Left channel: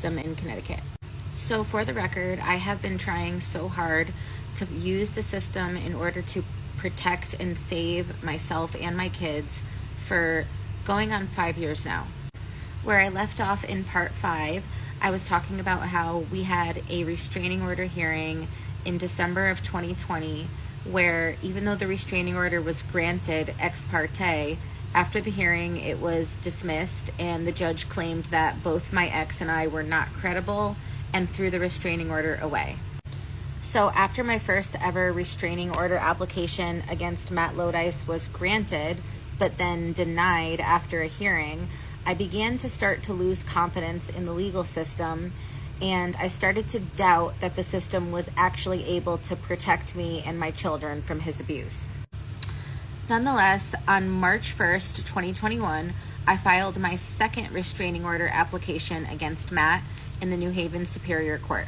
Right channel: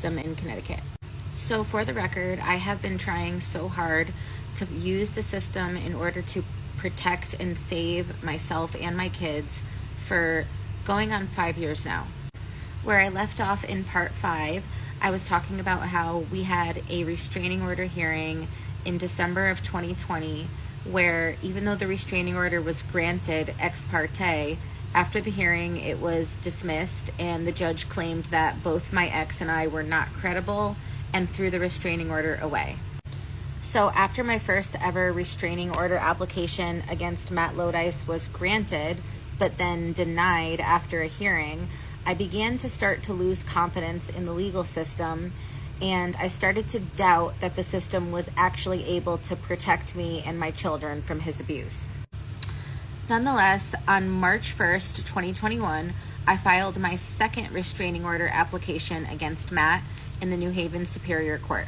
system in Connecticut. So for the record, I have been trying so hard to use the system in order to protect and save myself and my kids for going on 5 years now. Where I left off in part 5, I was talking about how we had a restraining order hearing in December of 2020, where even though the restraining order was granted ex parte, after the hearing it was dismissed and the judge claimed that both my ex and I were not credible and threw the restraining order away. So after my first ever restraining order application against Matt Lodice was granted, but then denied after a hearing, I began to start to lose confidence in the legal system, and I started to doubt that the system was actually able to protect me and my children from his abuse. Nonetheless, on March 1st, 2021, I filed my second restraining order application against Matt in the New Haven Superior Court.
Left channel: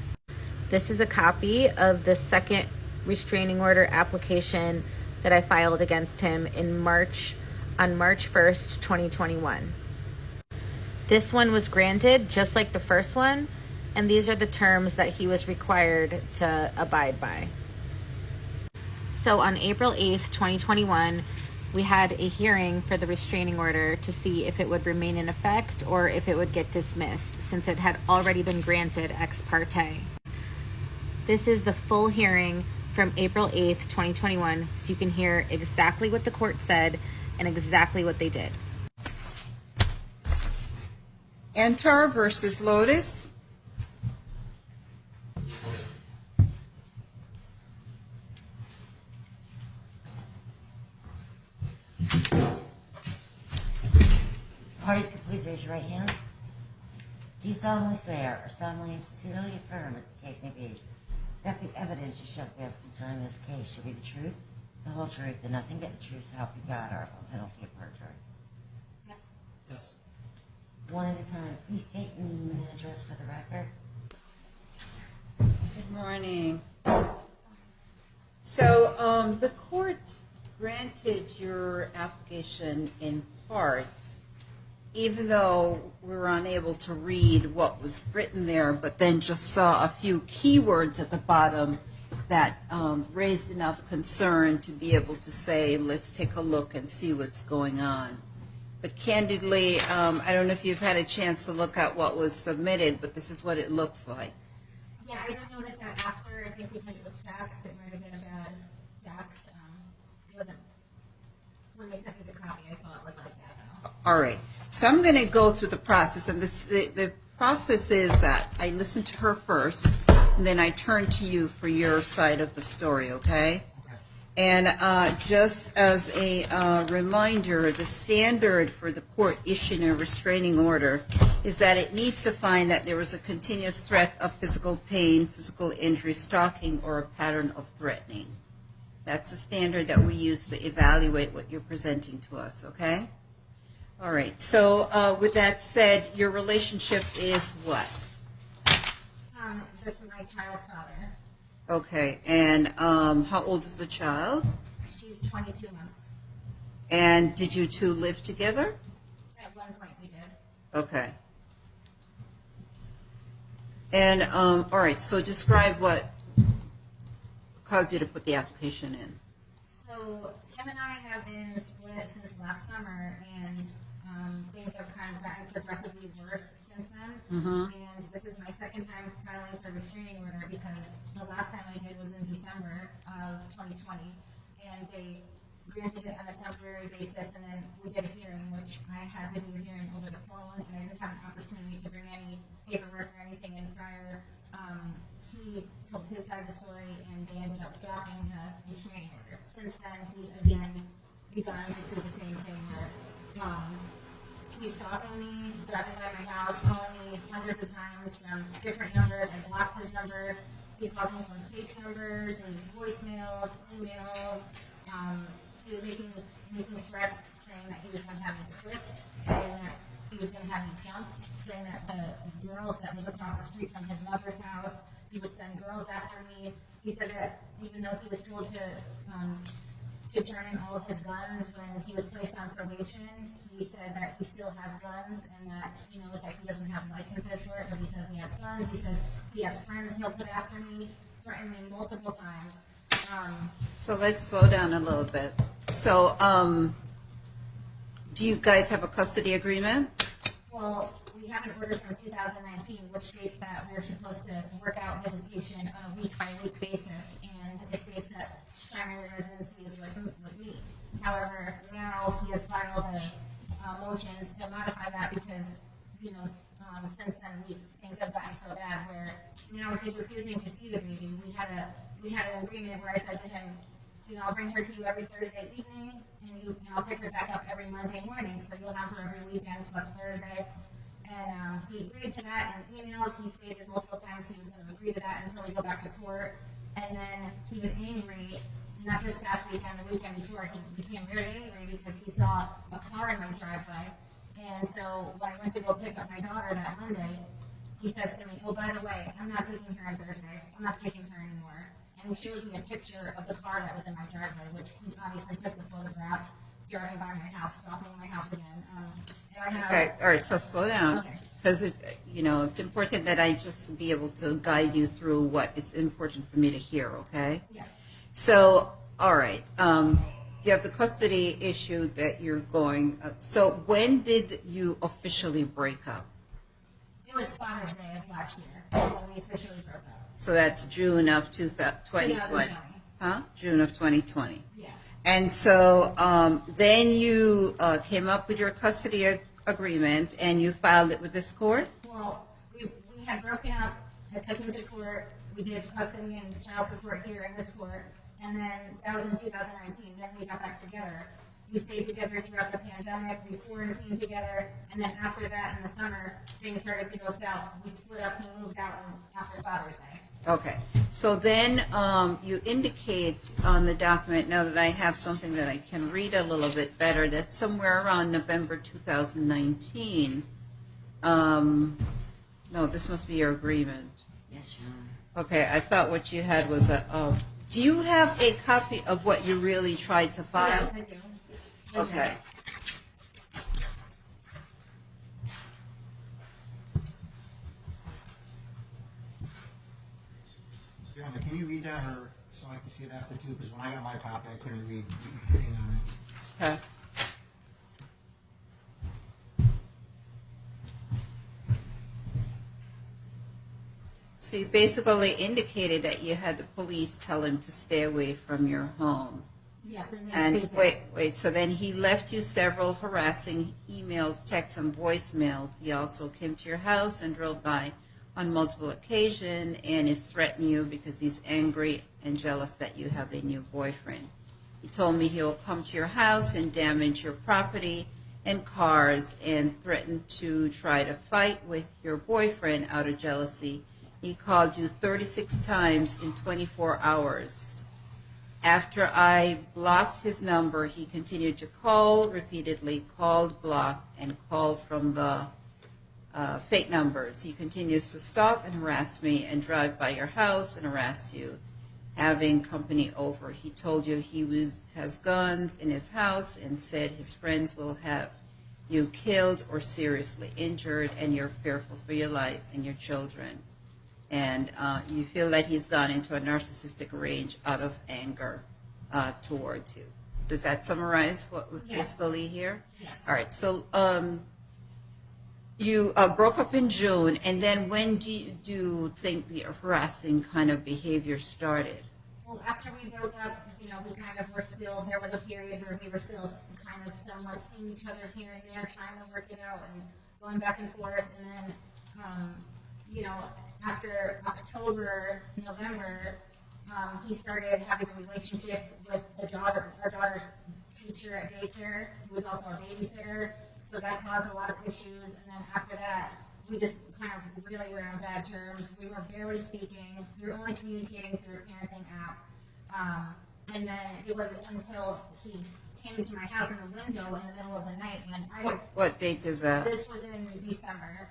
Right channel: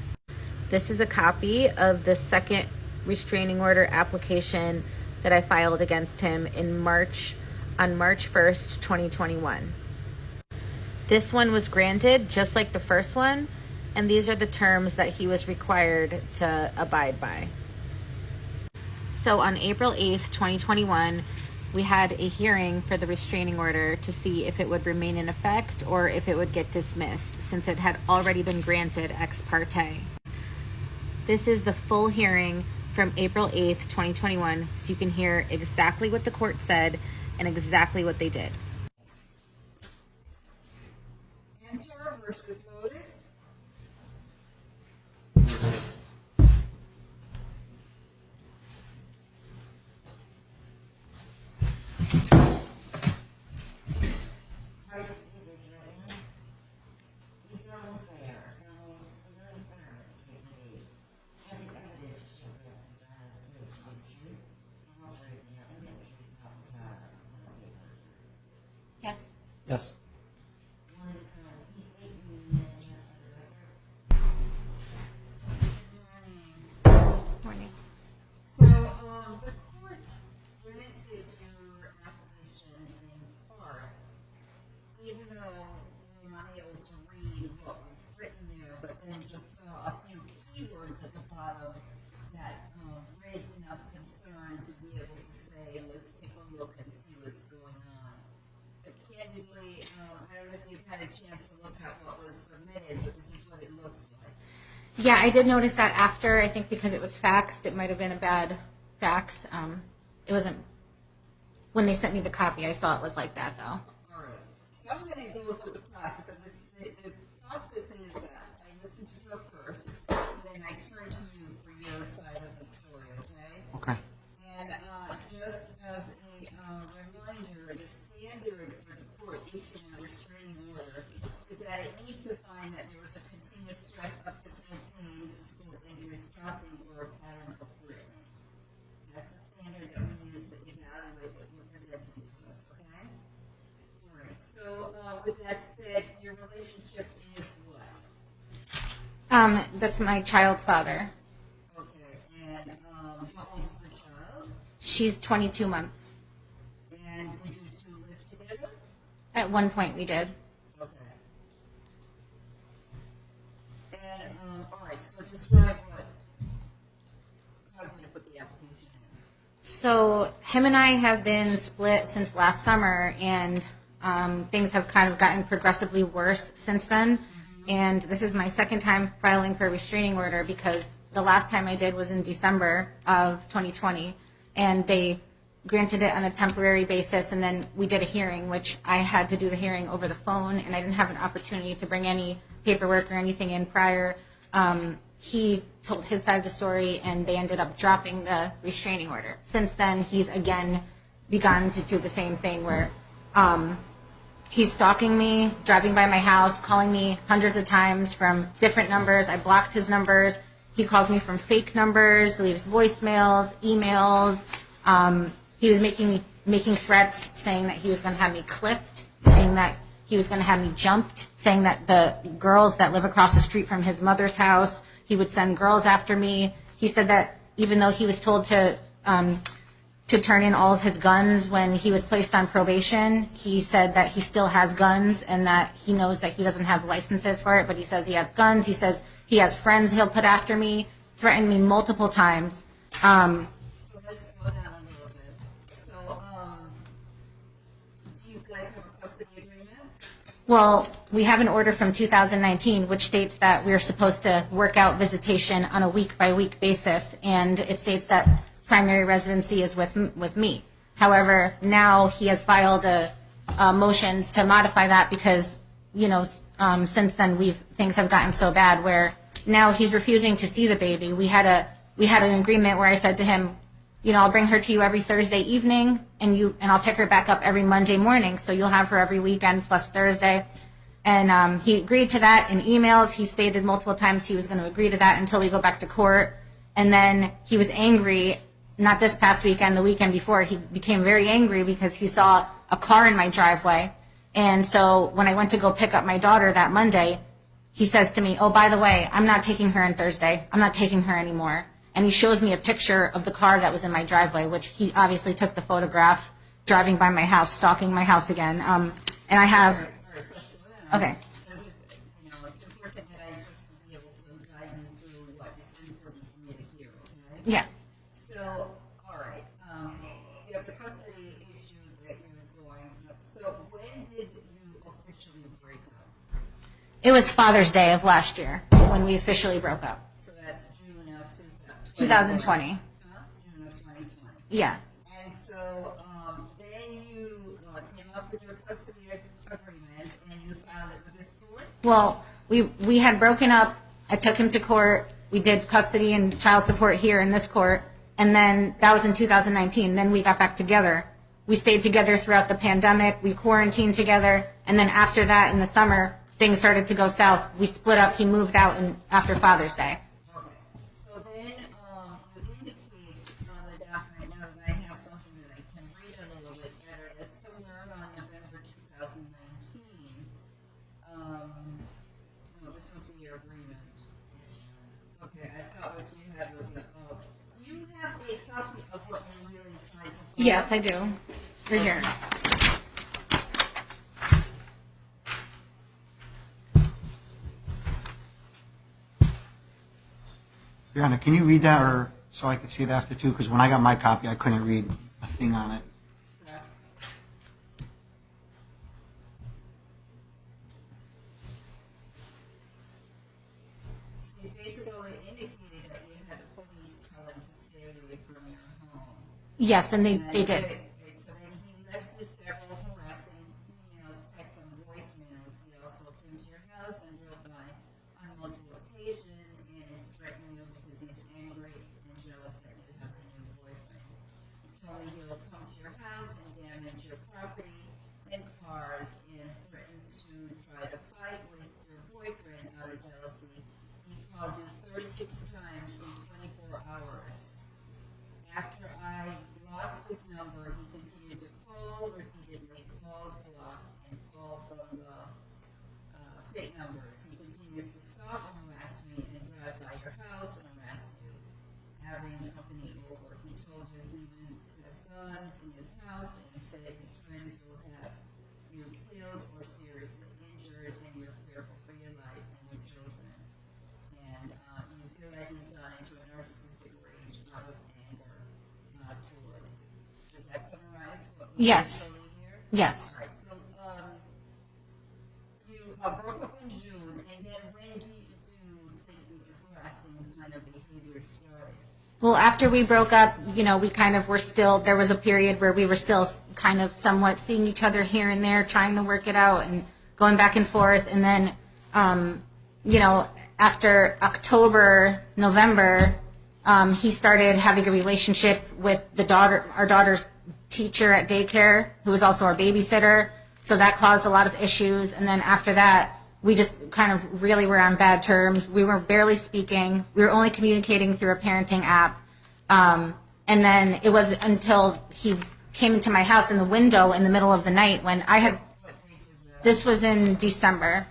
This is a copy of the second restraining order application that I filed against him on March 1st, 2021. This one was granted just like the first one, and these are the terms that he was required to abide by. So on April 8th, 2021, we had a hearing for the restraining order to see if it would remain in effect or if it would get dismissed, since it had already been granted ex parte. This is the full hearing from April 8th, 2021, so you can hear exactly what the court said and exactly what they did. Enter versus Lotus. Parties, please raise your right hands. Do you solemnly swear or solemnly and sincerely affirm, as the case may be, that the evidence you shall give concerning this case shall be the truth, the whole truth, and nothing but the truth, so help you God, or upon penalty of perjury? Yes. Yes. One at a time. Please state your name and address for the record. Good morning. Morning. So the court granted your application in part, even though we were unable to read what was written there, but then just saw a few keywords at the bottom that raised enough concern to be able to say, let's take a look and see what's going on. But candidly, I don't know if you've had a chance to look at what was submitted, but this is what it looks like. Yeah, I did notice that after, I think because it was faxed, it might have been a bad fax. It wasn't, when they sent me the copy, I saw it was like that though. All right. So I'm going to go through the process, and the process is that I listen to her first, and then I turn to you for your side of the story, okay? Okay. And just as a reminder, the standard for the court issuing a restraining order is that it needs to find that there was a continuous threat of physical pain, physical injury, stalking, or a pattern of threatening. That's the standard that we use to evaluate what you're presenting to us, okay? All right. So with that said, your relationship is what? That's my child's father. Okay. And how old is the child? She's 22 months. And did you two live together? At one point we did. Okay. And all right. So describe what caused you to put the application in. So him and I have been split since last summer, and things have kind of gotten progressively worse since then. Mm-hmm. And this is my second time filing for a restraining order, because the last time I did was in December of 2020, and they granted it on a temporary basis, and then we did a hearing, which I had to do the hearing over the phone, and I didn't have an opportunity to bring any paperwork or anything in prior. He told his side of the story, and they ended up dropping the restraining order. Since then, he's again begun to do the same thing where he's stalking me, driving by my house, calling me hundreds of times from different numbers. I blocked his numbers. He calls me from fake numbers, leaves voicemails, emails. He was making threats, saying that he was going to have me clipped, saying that he was going to have me jumped, saying that the girls that live across the street from his mother's house, he would send girls after me. He said that even though he was told to to turn in all of his guns when he was placed on probation. He said that he still has guns and that he knows that he doesn't have licenses for it, but he says he has guns. He says he has friends he'll put after me, threatened me multiple times. So let's slow down a little bit. So, do you guys have a custody agreement? Well, we have an order from 2019 which states that we're supposed to work out visitation on a week-by-week basis, and it states that primary residency is with me. However, now he has filed motions to modify that because, since then things have gotten so bad where now he's refusing to see the baby. We had an agreement where I said to him, I'll bring her to you every Thursday evening, and I'll pick her back up every Monday morning, so you'll have her every weekend plus Thursday. And he agreed to that in emails. He stated multiple times he was going to agree to that until we go back to court. And then he was angry, not this past weekend, the weekend before. He became very angry because he saw a car in my driveway. And so when I went to go pick up my daughter that Monday, he says to me, oh, by the way, I'm not taking her on Thursday. I'm not taking her anymore. And he shows me a picture of the car that was in my driveway, which he obviously took the photograph driving by my house, stalking my house again. And I have... Okay, all right, so slow down. Okay. Because, it's important that I just be able to guide you through what is important for me to hear, okay? Yeah. So, all right, you have the custody issue that you're going... so when did you officially break up? It was Father's Day of last year when we officially broke up. So that's June of 2020. Huh? June of 2020. Yeah. And so then you came up with your custody agreement and you filed it with this court? Well, we had broken up. I took him to court. We did custody and child support here in this court. And then that was in 2019. Then we got back together. We stayed together throughout the pandemic. We quarantined together. And then after that, in the summer, things started to go south. We split up. He moved out after Father's Day. Okay. So then you indicate on the document, now that I have something that I can read a little bit better, that somewhere around November 2019, no, this must be your agreement. Yes, Your Honor. Okay, I thought what you had was do you have a copy of what you really tried to file? Yes, I do. Right Okay. here. Brianna, can you read that, or so I could see it after too? Because when I got my copy, I couldn't read a thing on it. Okay. So you basically indicated that you had the police tell him to stay away from your home. Yes, and they did. Wait, so then he left you several harassing emails, texts, and voicemails. He also came to your house and drove by on multiple occasions and is threatening you because he's angry and jealous that you have a new boyfriend. He told me he will come to your house and damage your property and cars and threatened to try to fight with your boyfriend out of jealousy. He called you 36 times in 24 hours. After I blocked his number, he continued to call repeatedly, called, blocked, and called from the fake numbers. He continues to stalk and harass me and drive by your house and harass you, having company over. He told you he has guns in his house and said his friends will have you killed or seriously injured, and you're fearful for your life and your children. And you feel that he's gone into a narcissistic rage out of anger towards you. Does that summarize what we basically hear? Yes. All right. So you broke up in June, and then when do you think the harassing kind of behavior started? Well, after we broke up, we kind of were still, there was a period where we were still kind of somewhat seeing each other here and there, trying to work it out and going back and forth. And then, after October, November, he started having a relationship with our daughter's teacher at daycare, who was also our babysitter. So that caused a lot of issues. And then after that, we just kind of really were on bad terms. We were barely speaking. We were only communicating through a parenting app. And then it was until he came into my house in the window in the middle of the night when I had... What date is that? This was in December.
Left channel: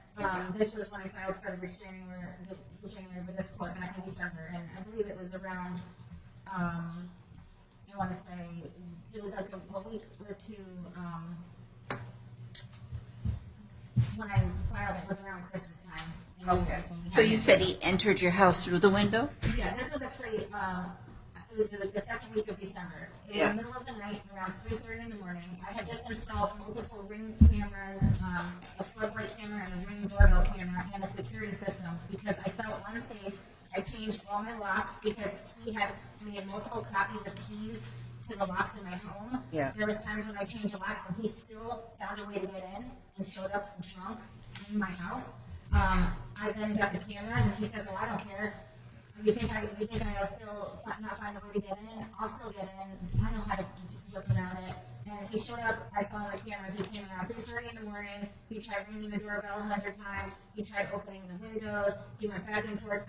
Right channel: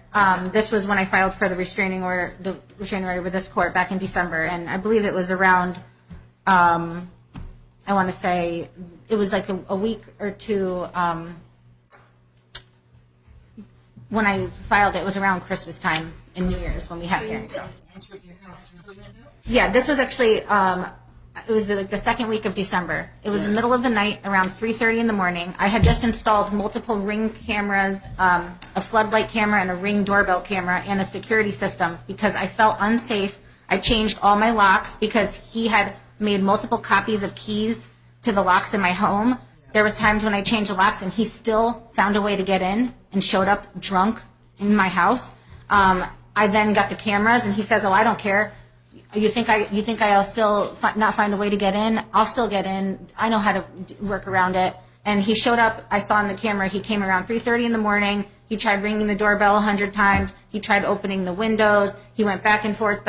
This was when I filed for the restraining order with this court back in December. And I believe it was around... I I want to say it was like a week or two when I filed it. It was around Christmas time in New Year's when we had So the you hearing. said he entered your house through the window? Yeah, this was actually, it was like the second week of December. It was Yeah. the middle of the night, around 3:30 in the morning. I had just installed multiple Ring cameras, a floodlight camera and a Ring doorbell camera and a security system because I felt unsafe. I changed all my locks because he had made multiple copies of keys to the locks in my home. Yeah. There was times when I changed the locks and he still found a way to get in and showed up drunk in my house. I then got the cameras and he says, "Oh, I don't care. You think I'll still not find a way to get in? I'll still get in. I know how to work around it." And he showed up. I saw on the camera. He came around 3:30 in the morning. He tried ringing the doorbell 100 times. He tried opening the windows. He went back and forth,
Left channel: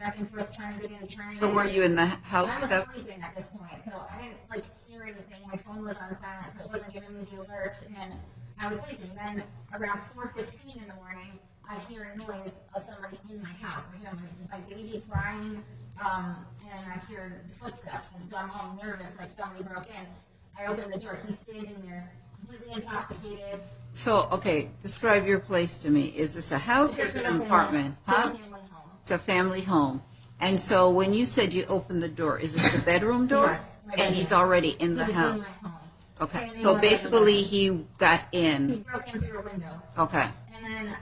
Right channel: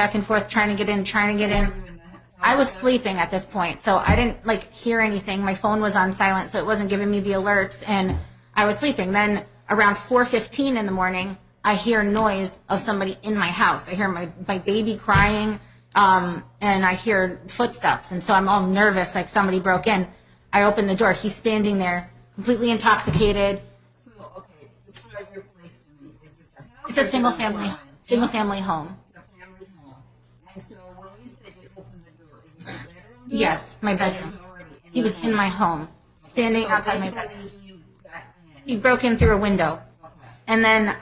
trying to get in, So were you in the house? I was at that- sleeping at this point, so I didn't hear anything. My phone was on silent, so it wasn't giving me the alerts, and I was sleeping. Then around 4:15 in the morning, I hear noise of somebody in my house. I hear my baby crying, and I hear footsteps, and so I'm all nervous, like somebody broke in. I open the door. He's standing there, completely intoxicated. So, okay, describe your place to me. Is this a house It's or a is it an apartment? single Huh? family home. It's a family home. And so when you said you opened the door, is it the bedroom door? Yes, my bedroom. And he's already in the He was house? in my home, Okay, standing so outside my basically bedroom. he got in. He broke in through a window. Okay. And then,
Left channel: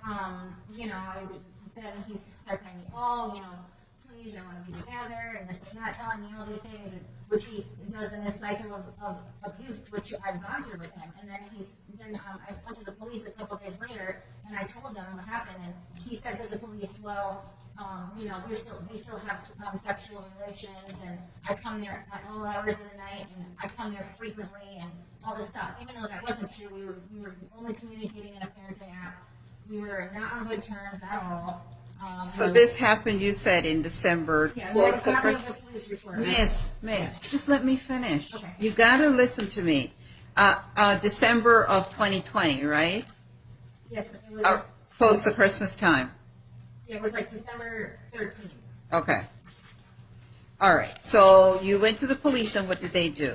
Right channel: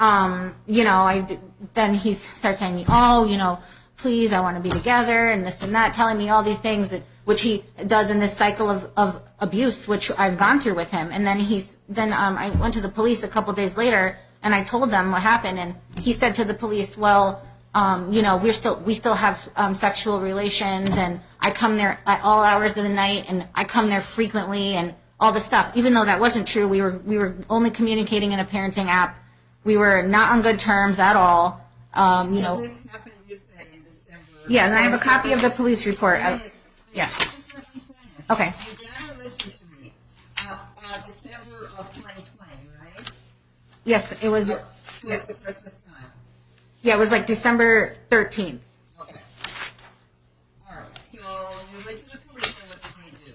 then he starts saying, "Oh, please, I want to be together," and this and that, telling me all these things which he does in this cycle of abuse, which I've gone through with him. And then I went to the police a couple days later, and I told them what happened, and he said to the police, "Well, we still have sexual relations, and I come there at all hours of the night, and I come there frequently, and all this stuff." Even though that wasn't true, we were only communicating in a parenting app. We were not on good terms at all. So this happened, you said, in December. Yeah, and I have a close to copy of the Christmas. police report. Miss, Yeah. just let me finish. Okay. You got to listen to me. December of 2020, right? Yes, it was. Close to Christmas time. Yeah, it was like December 13th. Okay. All right. So you went to the police, and what did they do?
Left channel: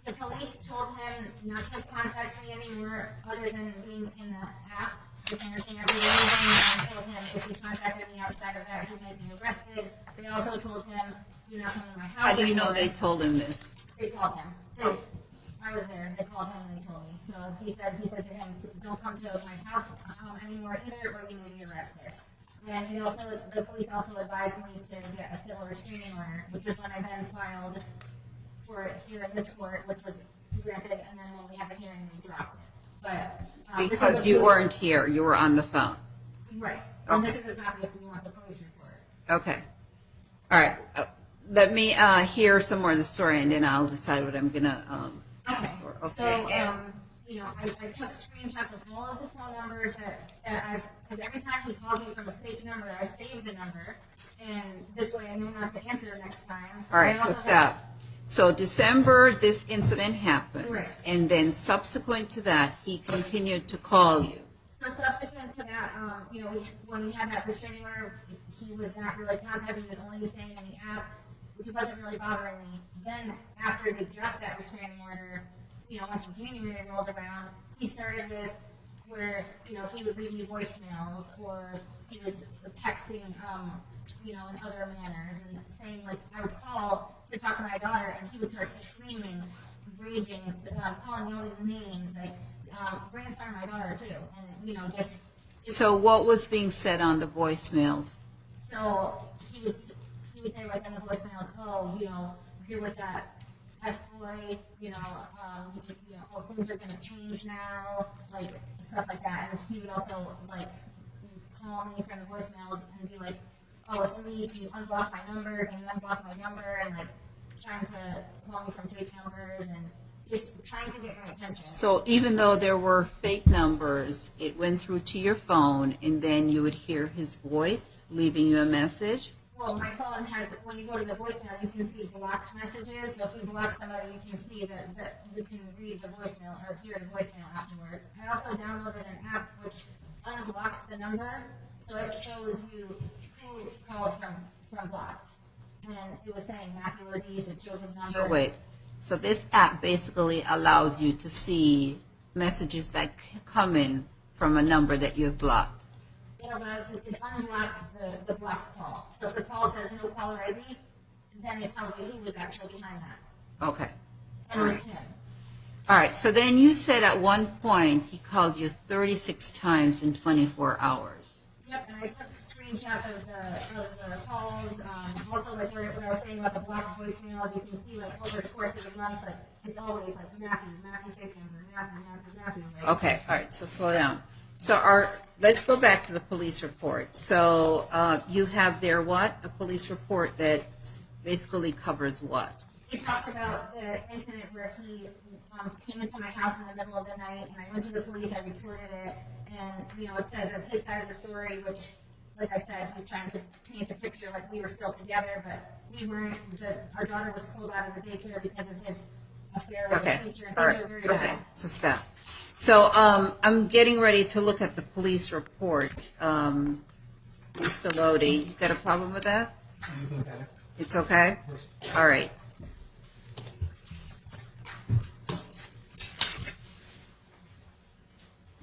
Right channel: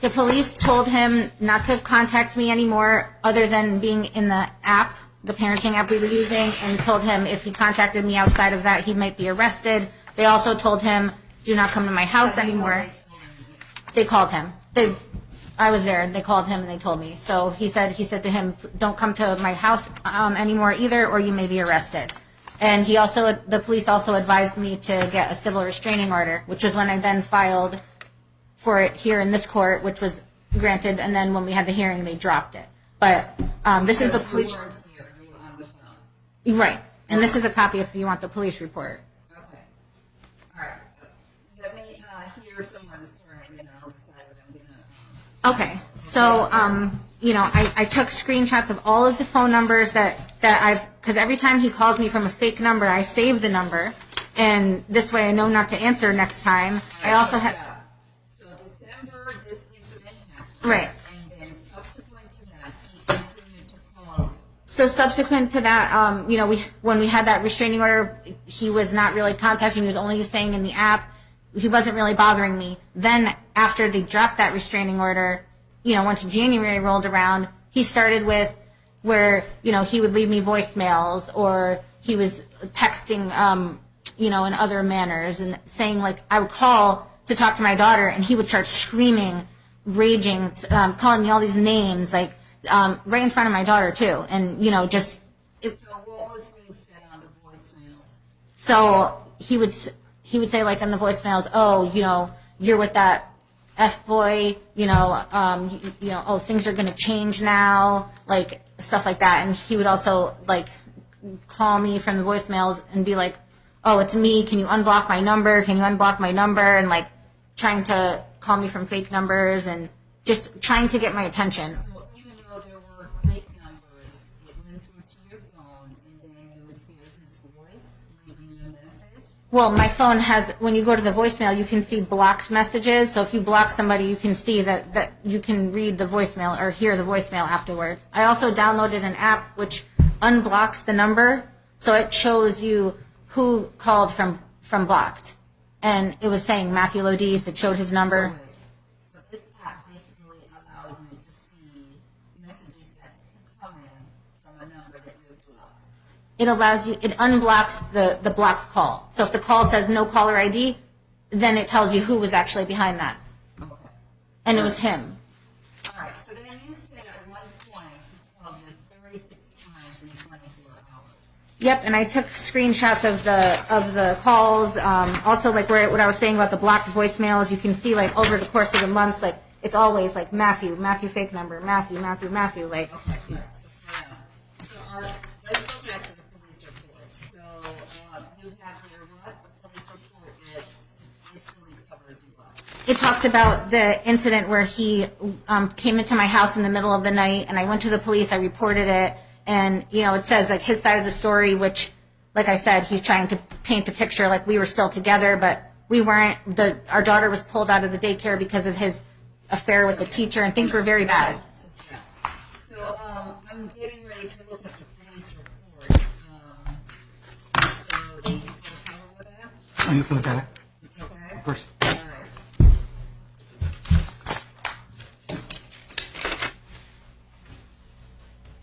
The police told him not to contact me anymore other than being in the app, the parenting app we were using, and told him if he contacted me outside of that, he might be arrested. They also told him, "Do not come to my house How do you know anymore." they told him this? They called him. I was there, and they called him, and they told me. So he said to him, "Don't come to my house anymore either, or you may be arrested." And the police also advised me to get a civil restraining order, which was when I then filed for it here in this court, which was granted, and then when we had the hearing, they dropped it. But this is the Because you police- weren't here, you were on the phone. Right. And this is a copy if you want the police report. Okay. All right. Let me hear some more of the story, and then I'll decide what I'm going to Okay. ask for. So, and- I took screenshots of all of the phone numbers that because every time he calls me from a fake number, I save the number, and this way I know not to answer next time. All right, I also so have. stop. So December, this incident happened. Right. And then subsequent to that, he continued to call you. So subsequent to that, when we had that restraining order, he was not really contacting me. He was only staying in the app. He wasn't really bothering me. Then after they dropped that restraining order, once January rolled around, he started with where, he would leave me voicemails, or he was texting, in other manners, and saying, I would call to talk to my daughter, and he would start screaming, raging, calling me all these names, right in front of my daughter too, and just. So what was being said on the voicemails? So he would say in the voicemails, "Oh, you're with that F boy, oh, things are going to change now," stuff like that. And he would also call me from the voicemails and be like, "Oh, it's me. Can you unblock my number? Can you unblock my number?" And trying to call me from fake numbers and just trying to get my attention. So even though there were fake numbers, it went through to your phone, and then you would hear his voice leaving you a message? Well, my phone has, when you go to the voicemail, you can see blocked messages. So if you block somebody, you can see that you can read the voicemail or hear the voicemail afterwards. I also downloaded an app which unblocks the number, so it shows you who called from blocked. And it was saying Matthew Lodise. It showed his number. So wait. So this app basically allows you to see messages that come in from a number that you've blocked. It allows you, it unblocks the blocked call. So if the call says no caller ID, then it tells you who was actually behind that. Okay. And it was him. All right, so then you said at one point he called you 36 times in 24 hours. Yep, and I took screenshots of the calls. Also, like what I was saying about the blocked voicemails, you can see like over the course of the months, like it's always like Matthew fake number, Matthew, like. Okay, all right, so slow down. So let's go back to the police report. So you have there what? A police report that basically covers what? It talks about the incident where he came into my house in the middle of the night, and I went to the police, I reported it, and, it says, like, his side of the story, which, like I said, he's trying to paint a picture like we were still together, but we weren't. Our daughter was pulled out of the daycare because of his affair with the teacher, and things were very bad. Okay, so stop. So I'm getting ready to look at the police report. Mr. Lodi, you got a problem with that? Oh, you can look at it. It's okay? Of course. All right.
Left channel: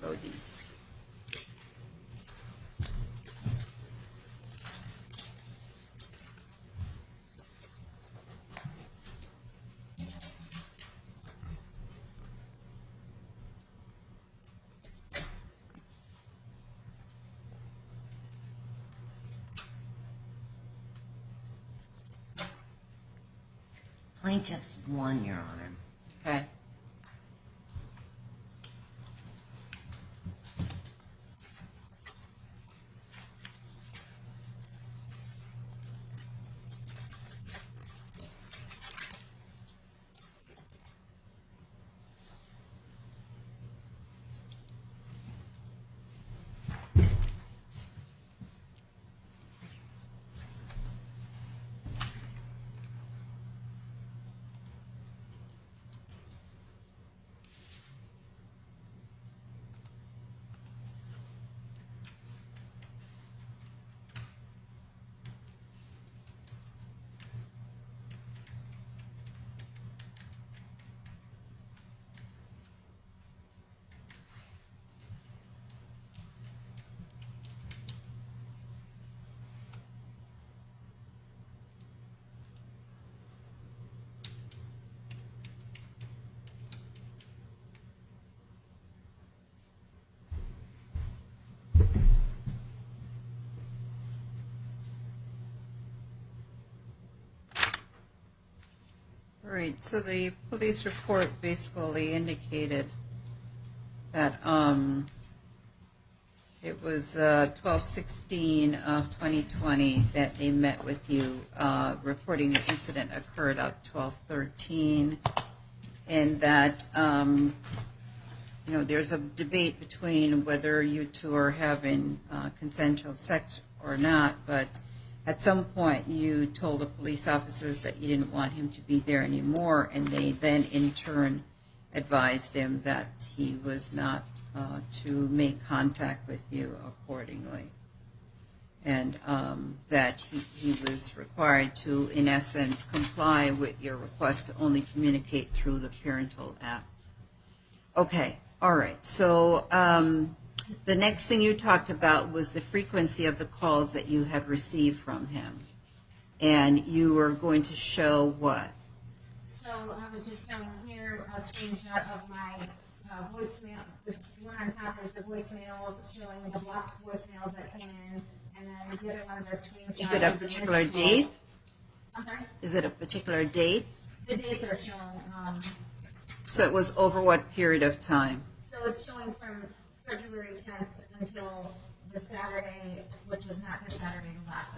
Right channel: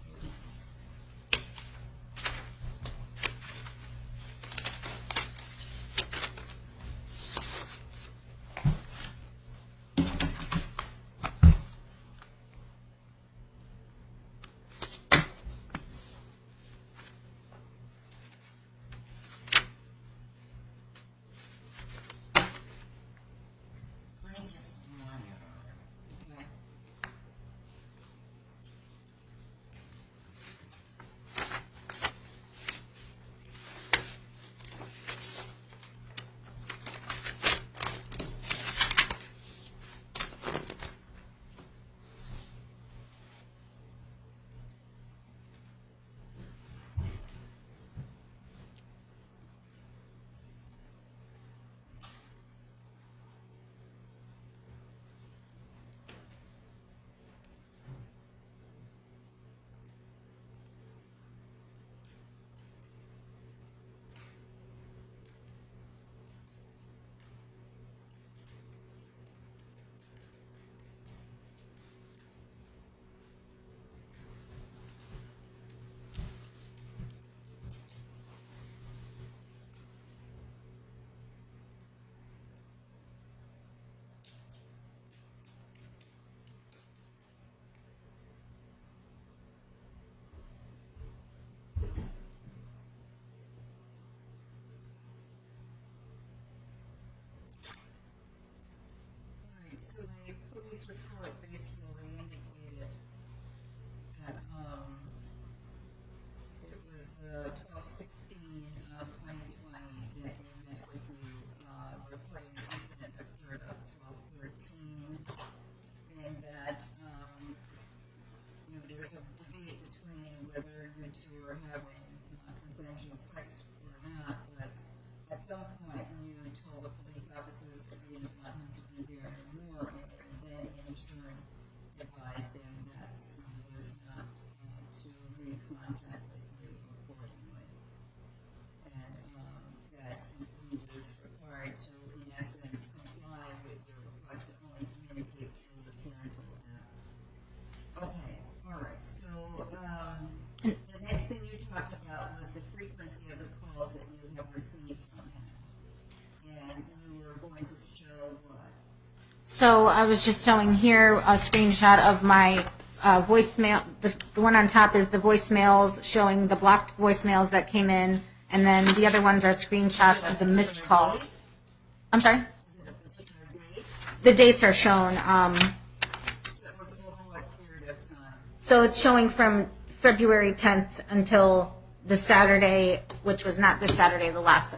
Lodi's. Plaintiff's won, Your Honor. Okay. All right, so the police report basically indicated that it was 12/16 of 2020 that they met with you, reporting the incident occurred at 12/13, and that there's a debate between whether you two are having consensual sex or not, but at some point you told the police officers that you didn't want him to be there anymore, and they then in turn advised him that he was not to make contact with you accordingly, and that he was required to, in essence, comply with your request to only communicate through the parental app. Okay, all right. So the next thing you talked about was the frequency of the calls that you had received from him, and you were going to show what? So I was just showing here a screenshot of my voicemail. The one on top is the voicemails showing the blocked voicemails that came in, and then the other ones are screenshots of the missed calls. Date? I'm sorry? Is it a particular date? The dates are shown. So it was over what period of time? So it's showing from February 10th until the Saturday, which was not this Saturday, the last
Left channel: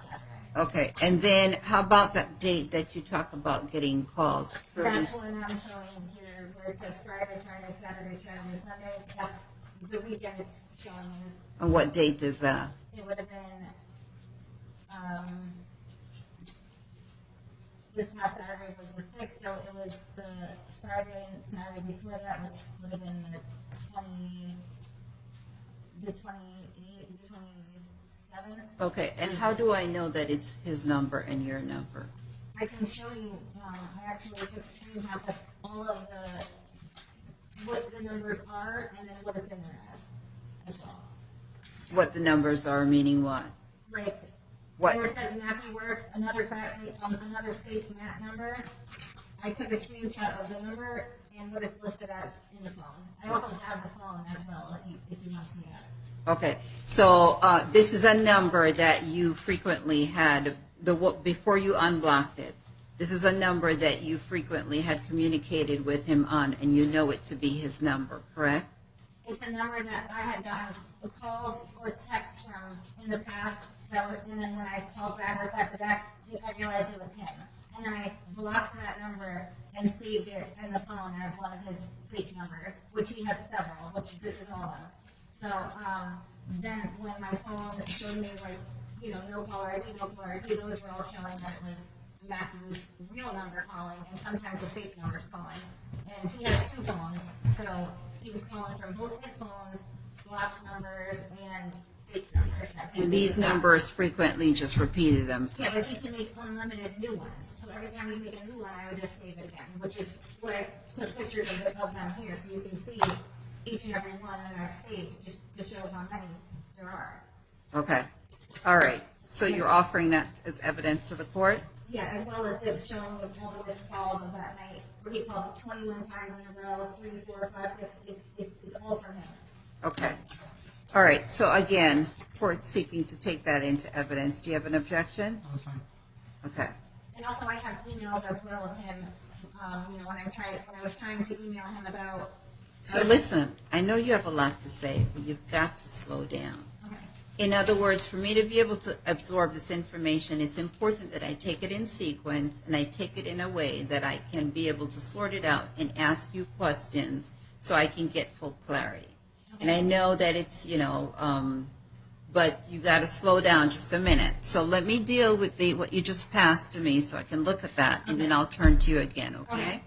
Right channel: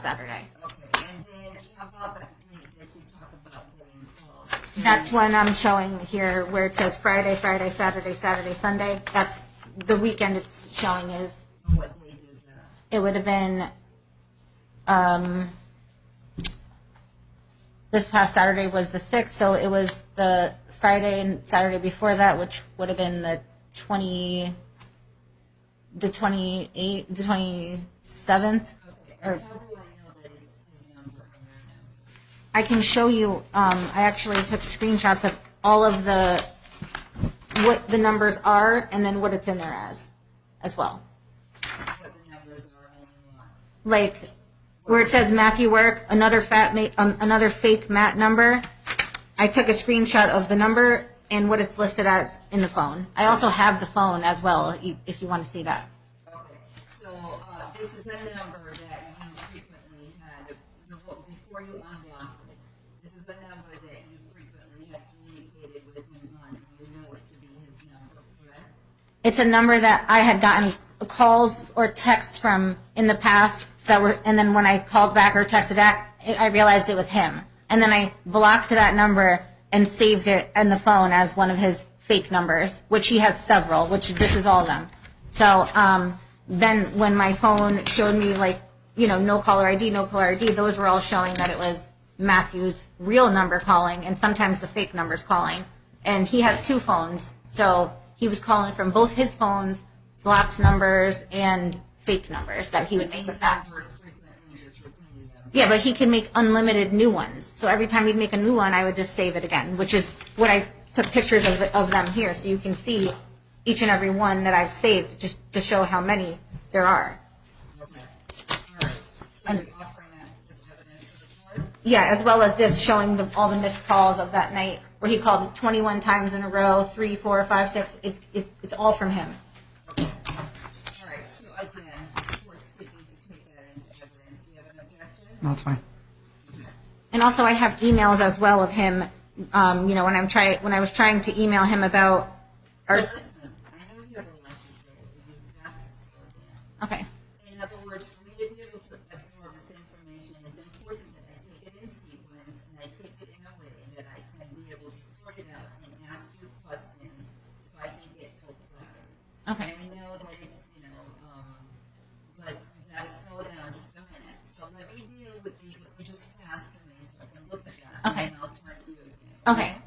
Saturday. Okay, and then how about that date that you talk about getting calls? That's one I'm showing here where it says Friday, Saturday, Sunday. That's the weekend it's showing is. And what date is that? It would have been this past Saturday was the 6th, so it was the Friday and Saturday before that, which would have been the 28th, the 27th. Okay, and how do I know that it's his number and your number? I can show you, I actually took screenshots of all of what the numbers are and then what it's in there as well. What the numbers are, meaning what? Like, What? where it says Matthew Work, another fake Matt number, I took a screenshot of the number and what it's listed as in the phone. I also have the phone as well, if you want to see that. Okay, so this is a number that you frequently had, before you unblocked it. This is a number that you frequently had communicated with him on, and you know it to be his number, correct? It's a number that I had gotten calls or texts from in the past and then when I called back or texted back, I realized it was him. And then I blocked that number and saved it in the phone as one of his fake numbers, which he has several, which this is all of them. So then when my phone showed me, like, you know, no caller ID, those were all showing that it was Matthew's real number calling and sometimes the fake numbers calling. And he has two phones, so he was calling from both his phones, blocked numbers and fake numbers that he would And make these up that. numbers frequently just repeated themselves. Yeah, but he can make unlimited new ones. So every time he'd make a new one, I would just save it again, which is what I took pictures of them here, so you can see each and every one that I've saved just to show how many there are. Okay, all right. So you're offering that as evidence to the court? Yeah, as well as this showing all the missed calls of that night where he called 21 times in a row, 3, 4, 5, 6. It's all from him. Okay. All right, so again, court's seeking to take that into evidence. Do you have an objection? No, it's fine. Okay. And also, I have emails as well of him. You know, when I was trying to email him about. So listen, I know you have a lot to say, but you've got to slow down. Okay. In other words, for me to be able to absorb this information, it's important that I take it in sequence and I take it in a way that I can be able to sort it out and ask you questions so I can get full clarity. Okay. And I know that it's, you know, but you got to slow down just a minute. So let me deal with what you just passed to me so I can look at that, and Okay. then I'll turn to you again, okay? Okay.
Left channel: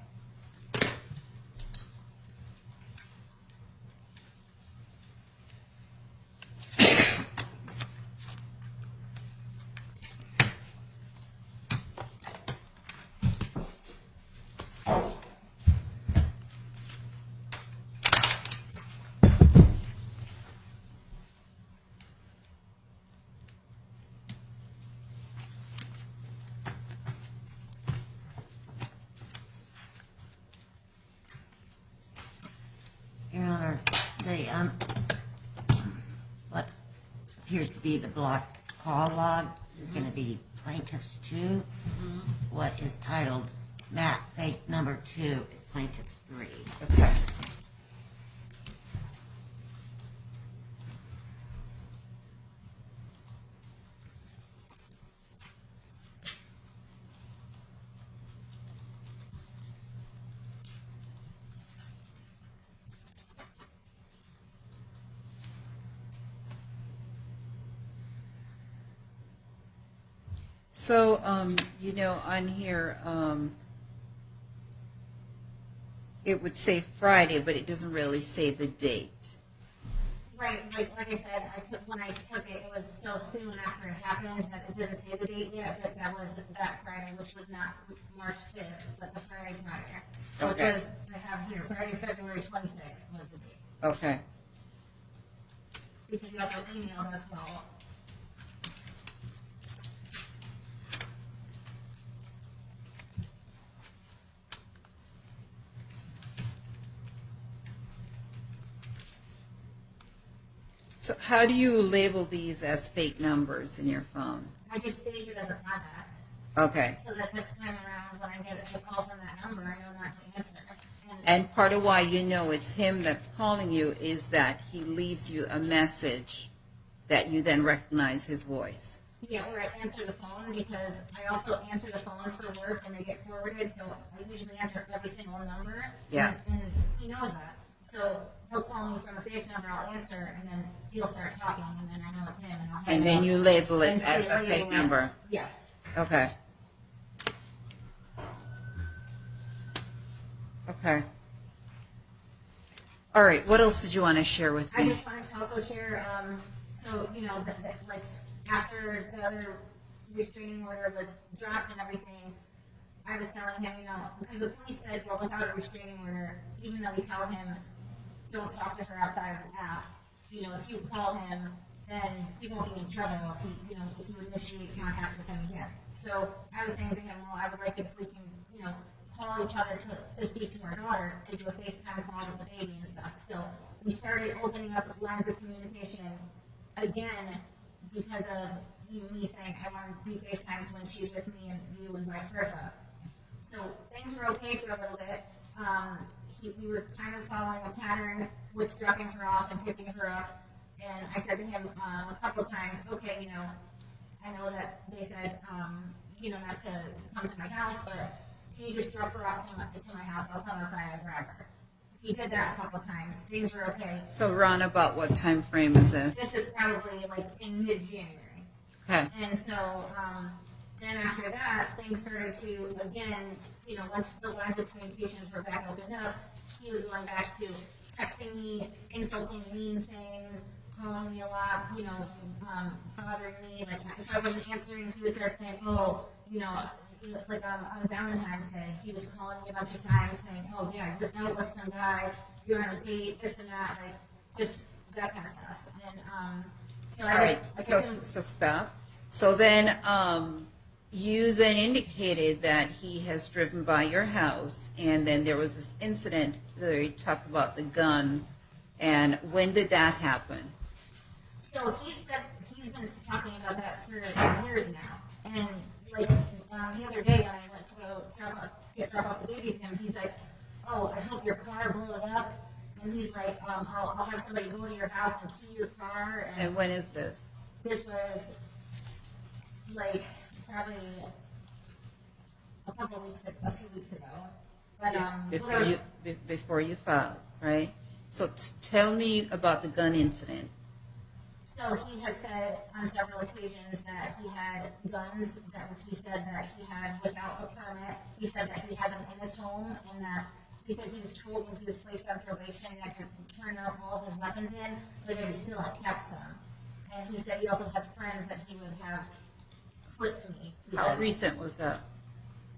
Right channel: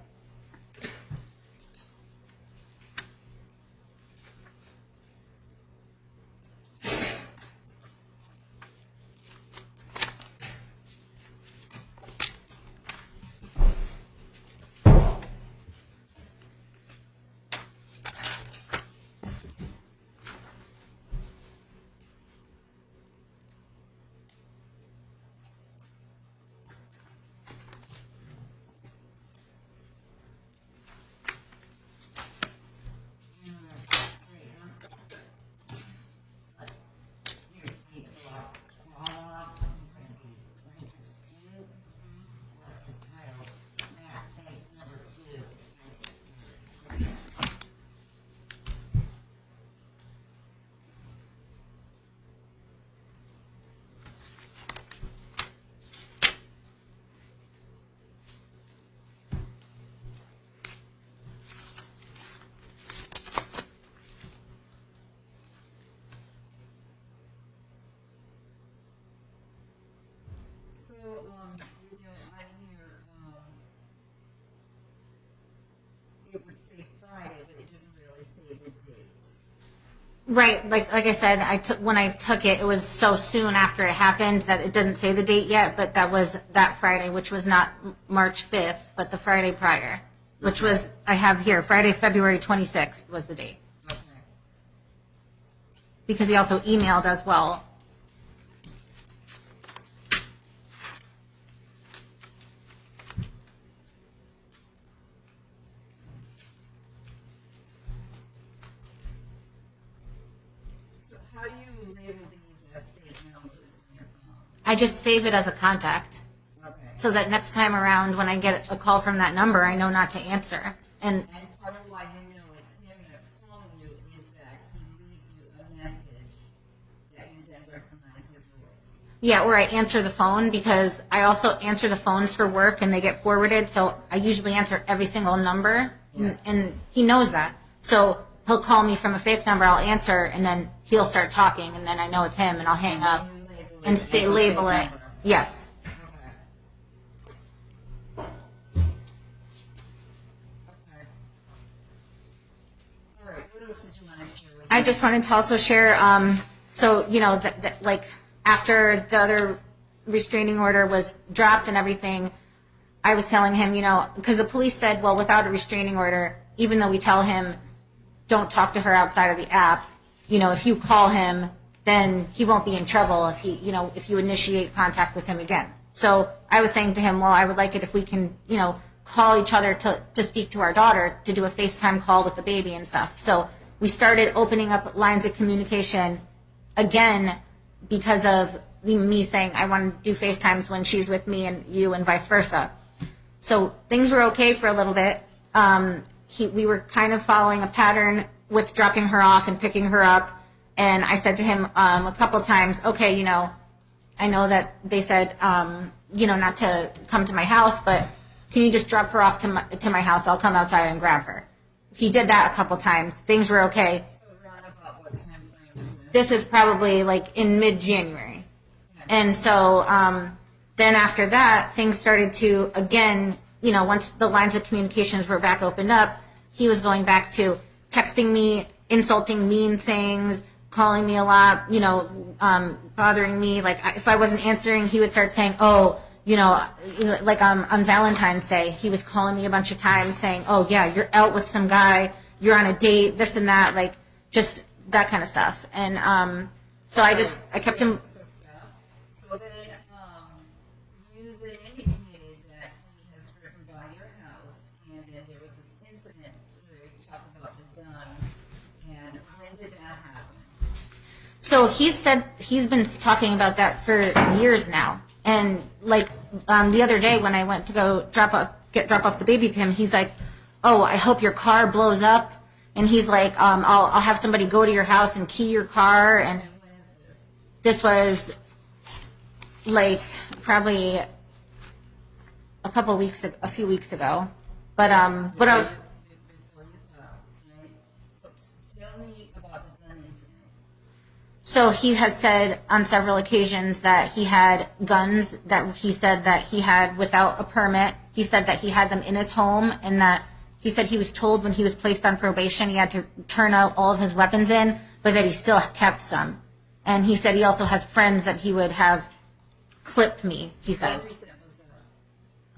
Your Honor, what appears to be the blocked call log is going to be plaintiff's 2. What is titled Matt fake number 2 is plaintiff's 3. Okay. So, you know, on here, it would say Friday, but it doesn't really say the date. Right, like I said, when I took it, it was so soon after it happened that it doesn't say the date yet, but that was that Friday, which was not March 5th, but the Friday prior, which Okay. was, I have here, Friday, February 26th was the date. Okay. Because he also emailed as well. So how do you label these as fake numbers in your phone? I just save it as a contact Okay. so that next time around when I get a call from that number, I know not to answer. And part of why you know it's him that's calling you is that he leaves you a message that you then recognize his voice. Yeah, or I answer the phone because I also answer the phones for work and they get forwarded, so I usually answer every single number. Yeah. And he knows that. So he'll call me from a fake number, I'll answer, and then he'll start talking, and then I know it's him, and I'll hang And up. then you label it and as say a label fake it. number. Yes. Okay. Okay. All right, what else did you want to share with me? I just wanted to also share, so, you know, like after the other restraining order was dropped and everything, I was telling him, because the police said, well, without a restraining order, even though we tell him don't talk to her outside of the app, if you call him, then he won't be in trouble if you initiate contact with him again. So I was saying to him, well, I would like it if we can, call each other to speak to our daughter, to do a FaceTime call with the baby and stuff. So we started opening up lines of communication again because of me saying I want to do FaceTimes when she's with me and you and vice versa. So things were okay for a little bit. We were kind of following a pattern with dropping her off and picking her up. And I said to him a couple times, okay, I know that they said, not to come to my house, but can you just drop her off to my house? I'll come outside and grab her. He did that a couple times. Things were okay. So Ron, about what time frame is this? This is probably like in mid-January. Okay. And so then after that, things started to, again, once the lines of communications were back opened up, he was going back to texting me, insulting, mean things, calling me a lot, bothering me. Like if I wasn't answering, he would start saying, oh, like on Valentine's Day, he was calling me a bunch of times saying, oh yeah, you're out with some guy, you're on a date, this and that, like just that kind of stuff. And so I kept him. So stop. So then you then indicated that he has driven by your house, and then there was this incident where you talked about the gun. And when did that happen? So he said he's been talking about that for years now. And like the other day when I went to go drop off the baby to him, he's like, "Oh, I hope your car blows up." And he's like, "I'll have somebody go to your house and key your car." And when is this? This was like probably a few weeks ago. But before you filed, right? So tell me about the gun incident. So he has said on several occasions that he had guns that he said that he had without a permit. He said that he had them in his home, and that he said he was told when he was placed on probation he had to turn out all of his weapons in, but that he still kept some. And he said he also has friends that he would have clipped me, he says. How recent was that?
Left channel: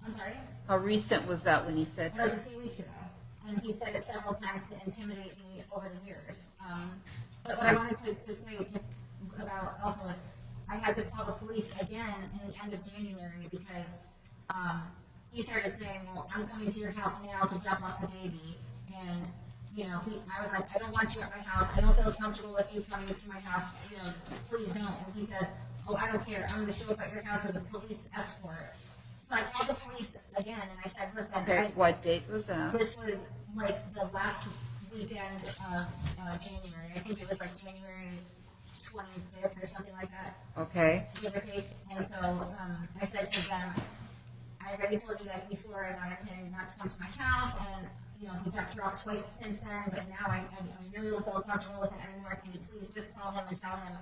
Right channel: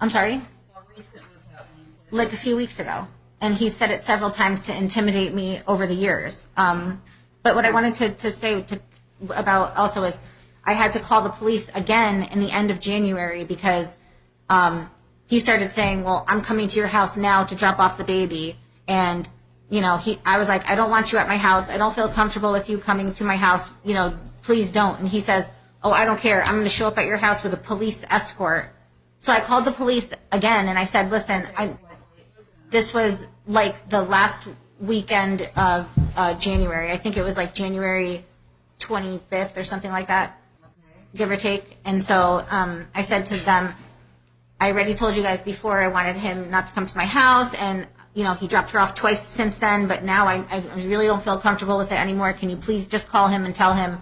I'm sorry? How recent was that when he said Like that? a few weeks ago. And he said it several times to intimidate me over the years. But what I wanted to say about also is I had to call the police again in the end of January because he started saying, well, I'm coming to your house now to drop off the baby. And, I was like, I don't want you at my house. I don't feel comfortable with you coming to my house. Please don't. And he says, oh, I don't care. I'm going to show up at your house with a police escort. So I called the police again and I said, listen. Okay, what date was that? This was like the last weekend of January. I think it was like January 25th or something like that. Okay. Give or take. And so I said to them, I already told you guys before I wanted him not to come to my house, and he dropped her off twice since then, but now I really don't feel comfortable with it anymore. Can you please just call him and tell him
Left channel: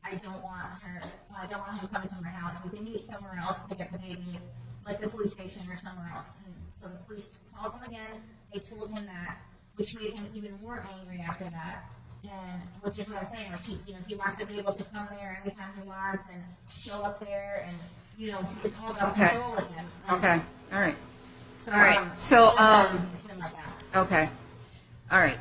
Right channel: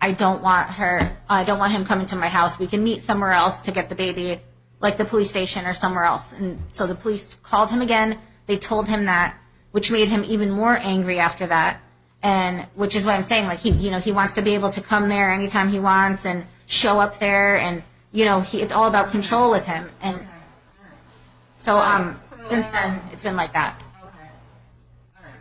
I don't want him coming to my house. We can meet somewhere else to get the baby, like the police station or somewhere else. And so the police called him again. They told him that, which made him even more angry after that. And which is what I'm saying, like he wants to be able to come there anytime he wants and show up there, and it's all about control with him. And okay, all right. So all right. So since then it's been like that. Okay, all right.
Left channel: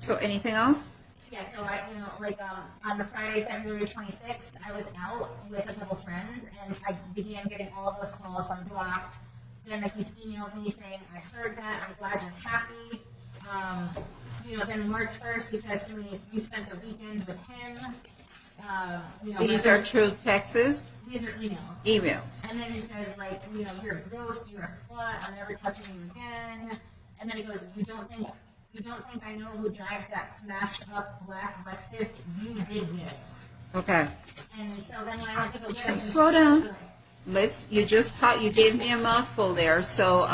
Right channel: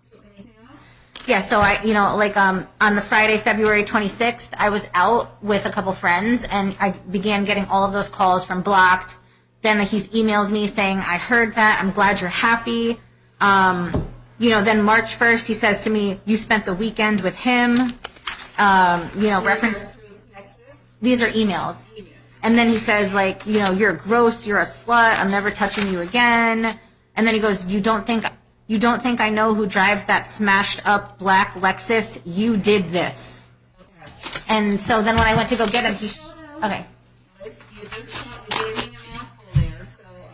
So anything else? Yeah, so on the Friday, February 26th, I was out with a couple friends, and I began getting all of those calls from blocked. Then he emails me saying, I heard that, I'm glad you're happy. Then March 1st, he says to me, you spent the weekend with him. These Reference, are true texts? these are emails. Emails. And then he says, you're gross, you're a slut, I'm never touching you again. And then he goes, you don't think I know who drives that smashed up black Lexus? You did this. Okay. And so then when I went to go get him, Slow down. Okay. You gave me a mouthful there. So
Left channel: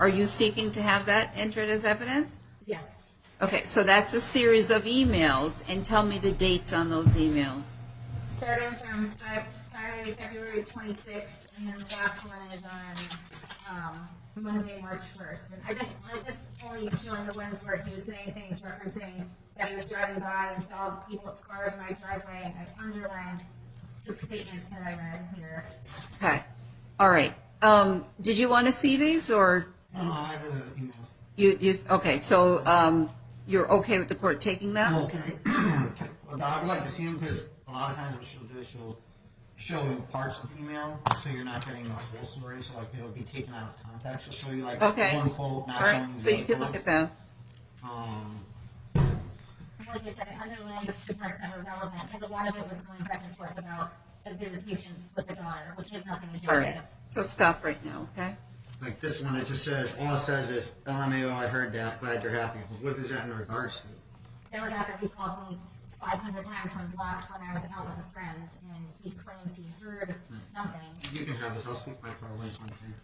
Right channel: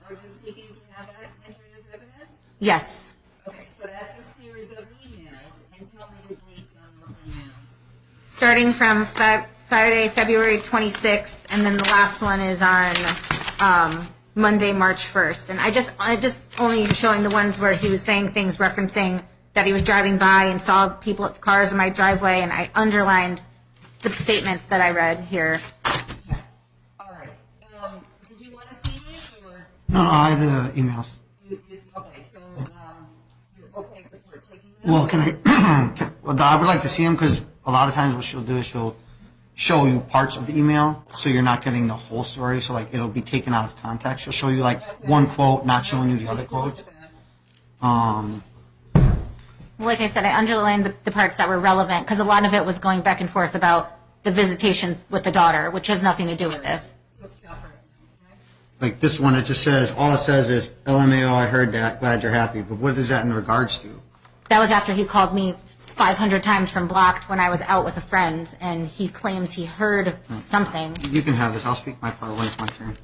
are you seeking to have that entered as evidence? Yes. Okay, so that's a series of emails, and tell me the dates on those emails. Starting from Friday, February 26th, and then the last one is on Monday, March 1st. And I just only showing the ones where he was saying things referencing that he was driving by and saw cars in my driveway, and I underlined the statements that I read here. Okay. All right. Did you want to see these, or No, I have the emails. okay, so you're okay with the court taking them? Well, can I, well, I would like to see them because a lot of times what she'll do is she'll show you parts of the email so you're not getting the whole story. So, like, it'll be taken out of context. She'll show you, like, Okay. one quote, not All right, showing you the so other you can look quotes. at them. Like I said, I underlined the parts that were relevant because a lot of it was going back and forth about the visitation with the daughter, which has nothing to do All with right. this. So stop right now, okay? Like this one, it just says, all it says is, LMAO, I heard that, glad you're happy. But what is that in regards to? That was after he called me 500 times from blocked when I was out with a friend, and he claims he heard something. You can have this. I'll speak my part when it's my turn.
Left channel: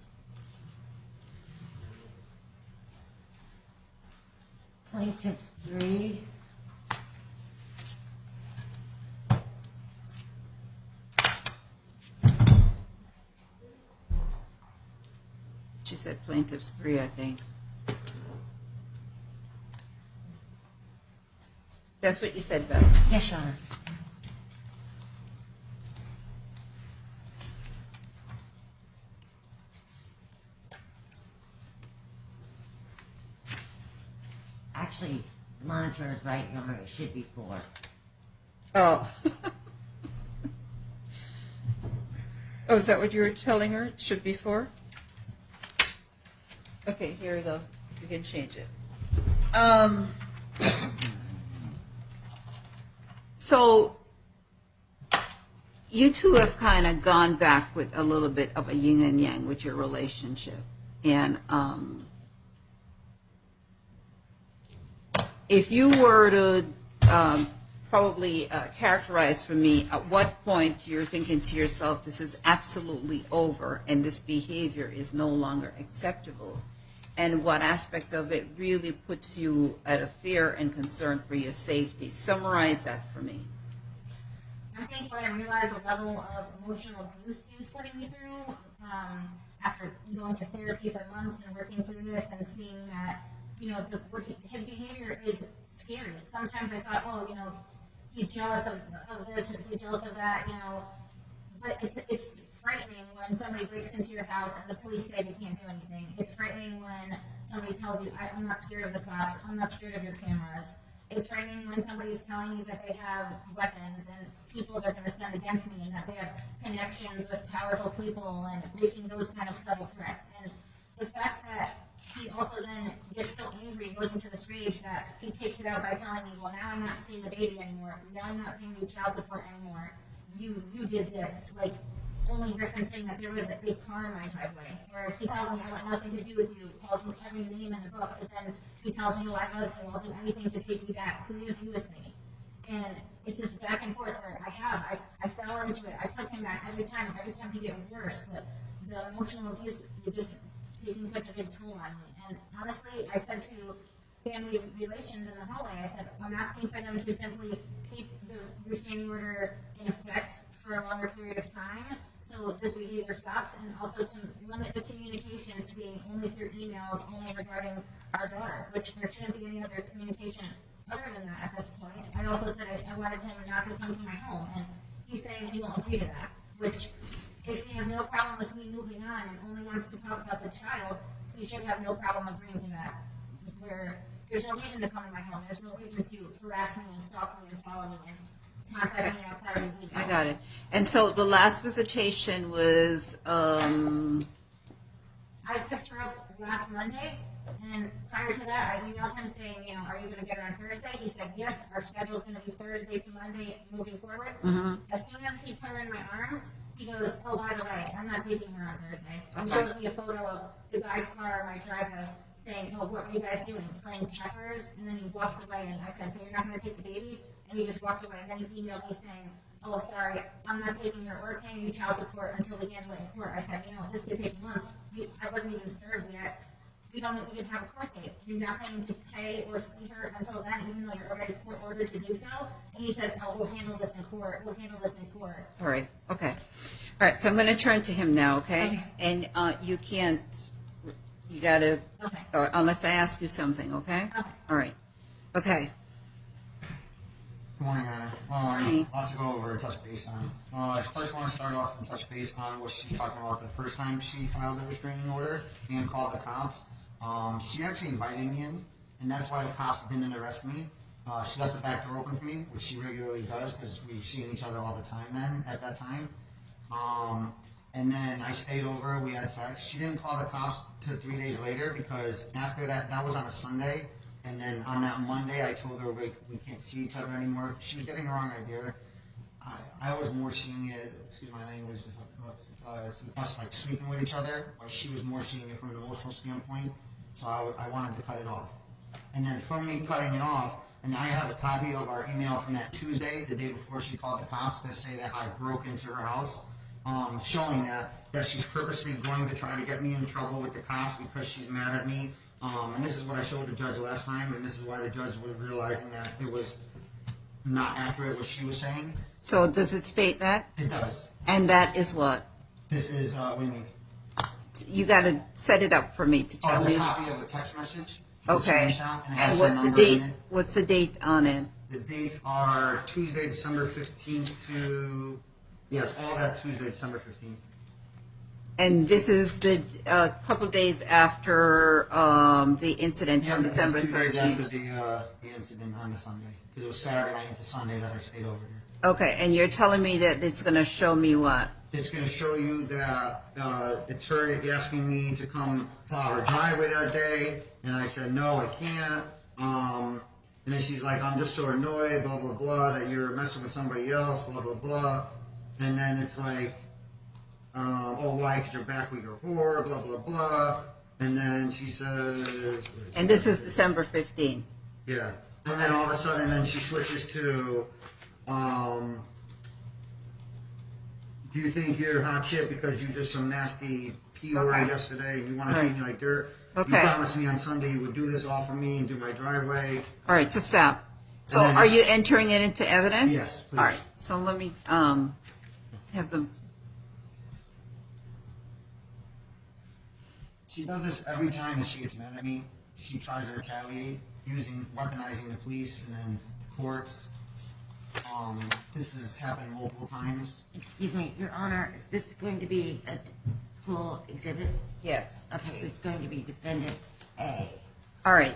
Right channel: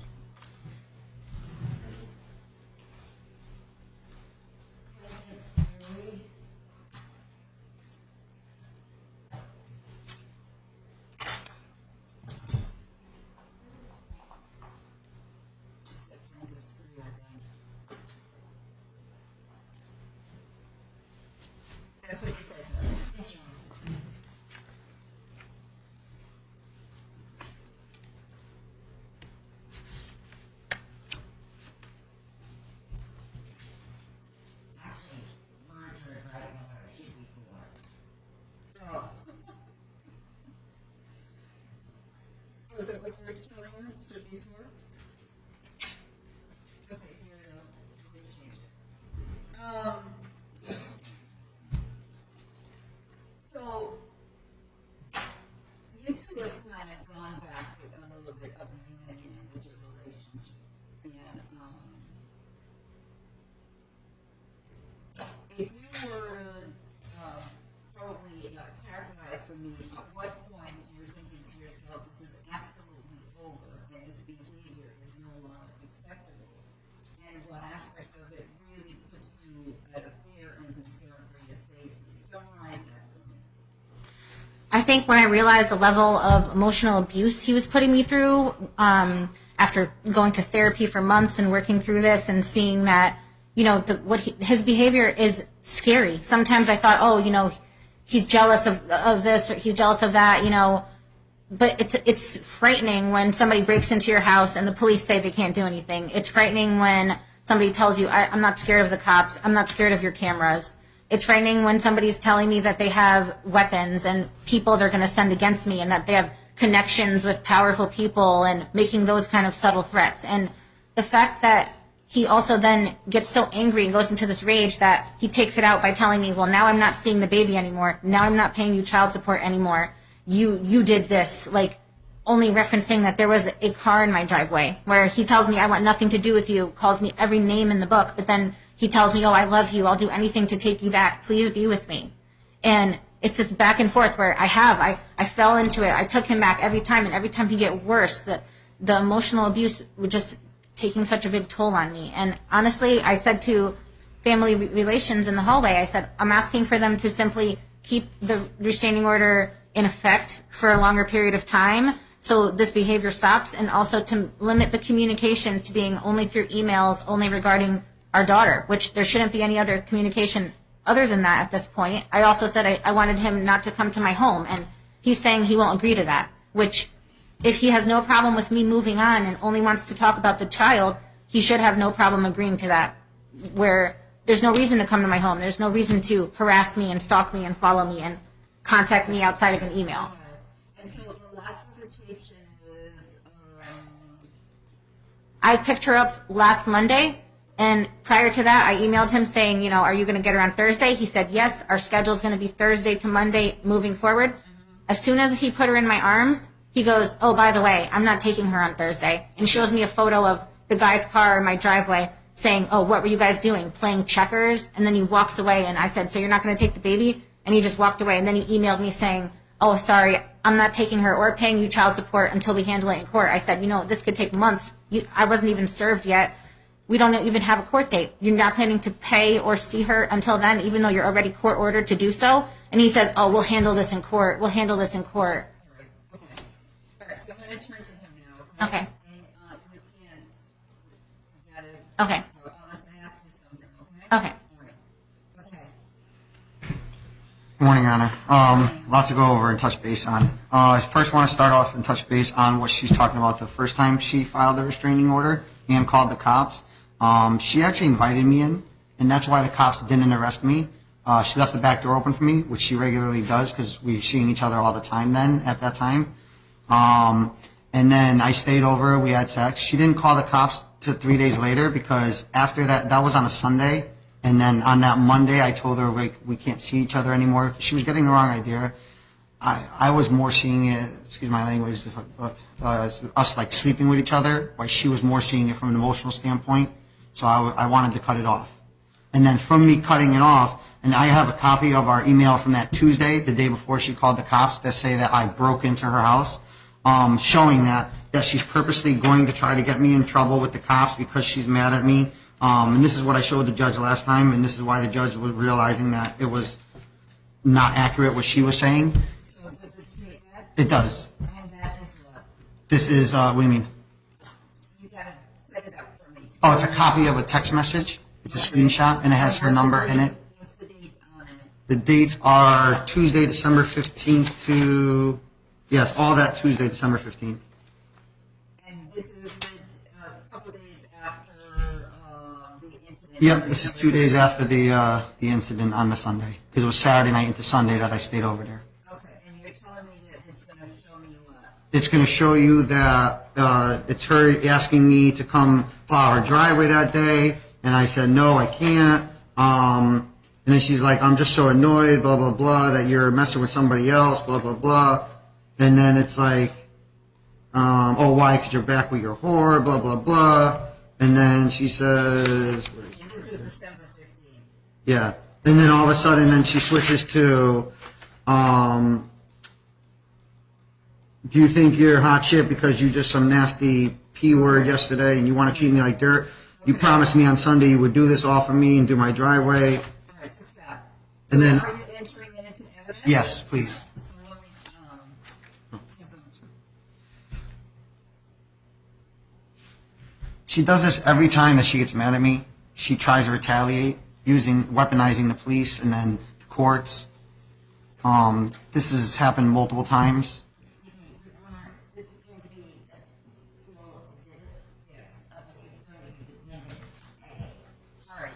Plaintiff's 3. She said plaintiffs 3, I think. That's what you said, Beth. Yes, Your Honor. Actually, the monitor is right, Your Honor. It should be 4. Oh. Oh, is that what you were telling her? It should be 4? Okay, here we go. You can change it. So, you two have kind of gone back with a little bit of a yin and yang with your relationship. And if you were to probably characterize for me at what point you're thinking to yourself, this is absolutely over and this behavior is no longer acceptable, and what aspect of it really puts you at a fear and concern for your safety. Summarize that for me. I think when I realized the level of emotional abuse he was putting me through, after going to therapy for months and working through this and seeing that, his behavior is scary. Sometimes I thought, oh, he's jealous of this or he's jealous of that, but it's frightening when somebody breaks into your house and the police say they can't do anything. It's frightening when somebody tells you, I'm not scared of the cops, I'm not scared of your cameras. It's frightening when somebody's telling me that they have weapons and people they're going to send against me and that they have connections with powerful people and making those kind of subtle threats. And the fact that he also then gets so angry and goes into this rage that he takes it out by telling me, well, now I'm not seeing the baby anymore. Now I'm not paying you child support anymore. You did this, like only referencing that there was a car in my driveway, where he tells me I want nothing to do with you, calls me every name in the book, but then he tells me, oh, I love you, I'll do anything to take you back, please be with me. And it's this back and forth where I fell into it, I took him back every time, and every time he get worse, the emotional abuse was just taking such a big toll on me. And honestly, I said to family relations in the hallway, I said, I'm asking for them to simply keep the restraining order in effect for a longer period of time so this behavior stops, and also to limit the communication to being only through emails, only regarding our daughter, which there shouldn't be any other communication other than that at this point. I also said I wanted him not to come to my home, and he's saying he won't agree to that, which if he has no problem with me moving on and only wants to talk about the child, he should have no problem agreeing to that, where there's no reason to come to my home. There's no reason to harass me and stalk me and follow me and contact me outside of an email. I got it. And so the last visitation was... I picked her up last Monday, and prior to that, I emailed him saying, are you going to get her on Thursday? He said, yes, our schedule's going to be Thursday to Monday moving forward. Mm-hmm. As soon as he put her in my arms, he goes, oh, by the way, I'm not taking her on Thursday. And shows me a photo of the guy's car in my driveway saying, oh, what were you guys doing? Playing checkers? And then he walks away, and I said, so you're not going to take the baby? And he just walked away. And then he emailed me saying, oh, sorry, I'm not taking her or paying you child support until we handle it in court. I said, this could take months. I wasn't even served yet. We don't even have a court date. You're not planning to pay or see her until then, even though you're already court ordered to do so. And he says, oh, we'll handle this in court. We'll handle this in court. All right. Okay. All right. So I'm going to turn to him now, okay? Okay. And you got to... Okay. Unless I ask you something, okay? Okay. All right. Okay. Good morning, Your Honor. Morning. A lot to go over and touch base on. I first want to start off and touch base on what she's talking about the first time she filed the restraining order and called the cops. She actually invited me in, and that's why the cops didn't arrest me. She left the back door open for me, which she regularly does because we were seeing each other all the time then at that time. And then I stayed over. We had sex. She didn't call the cops till 3 days later because after that was on a Sunday. And then on that Monday, I told her we can't see each other anymore. She was getting the wrong idea. I was more seeing it, excuse my language, us like sleeping with each other, while she was more seeing it from an emotional standpoint. So I wanted to cut it off. And then from me cutting it off, and I have a copy of our email from that Tuesday, the day before she called the cops, that say that I broke into her house, showing that she's purposely going to try to get me in trouble with the cops because she's mad at me. And this is what I showed the judge last time, and this is why the judge was realizing that it was not accurate what she was saying. So does it state that? It does. And that is what? This is, what do you mean? You got to set it up for me to tell Oh, it's me. a copy of a text message. It's Okay. a screenshot, and it has her what's the number in date- it. What's the date on it? The dates are Tuesday, December 15th to, yeah, it's all that Tuesday, December 15th. And this is the couple days after the incident Yep, on this is December 2 days 13th. after the incident on the Sunday, because it was Saturday night into Sunday that I stayed over there. Okay, and you're telling me that it's going to show me what? It's going to show you that it's her asking me to come plow her driveway that day, and I said, no, I can't. And then she's like, I'm just so annoyed, blah, blah, blah, that you're messing with somebody else, blah, blah, blah. And then it's like, oh, why? Because you're back with your whore, blah, blah, blah. And then she says, And this is December 15th. yeah. And then all of a sudden, then she switches to, do you think you're hot shit because you just some nasty P word Okay. yesterday and you want to treat me like dirt? You Okay. promised me on Sunday you would do this all for me and do my driveway. All right, so stop. So then- are you entering it into evidence? Yes, please. All right, so let me have them. She does this every time that she gets mad at me. She tries to retaliate, weaponizing the police and then the courts. This has happened multiple times. Excuse me, Your Honor, is this going to be a full exhibit? Yes. Okay, it's going to be Defendants A. All right,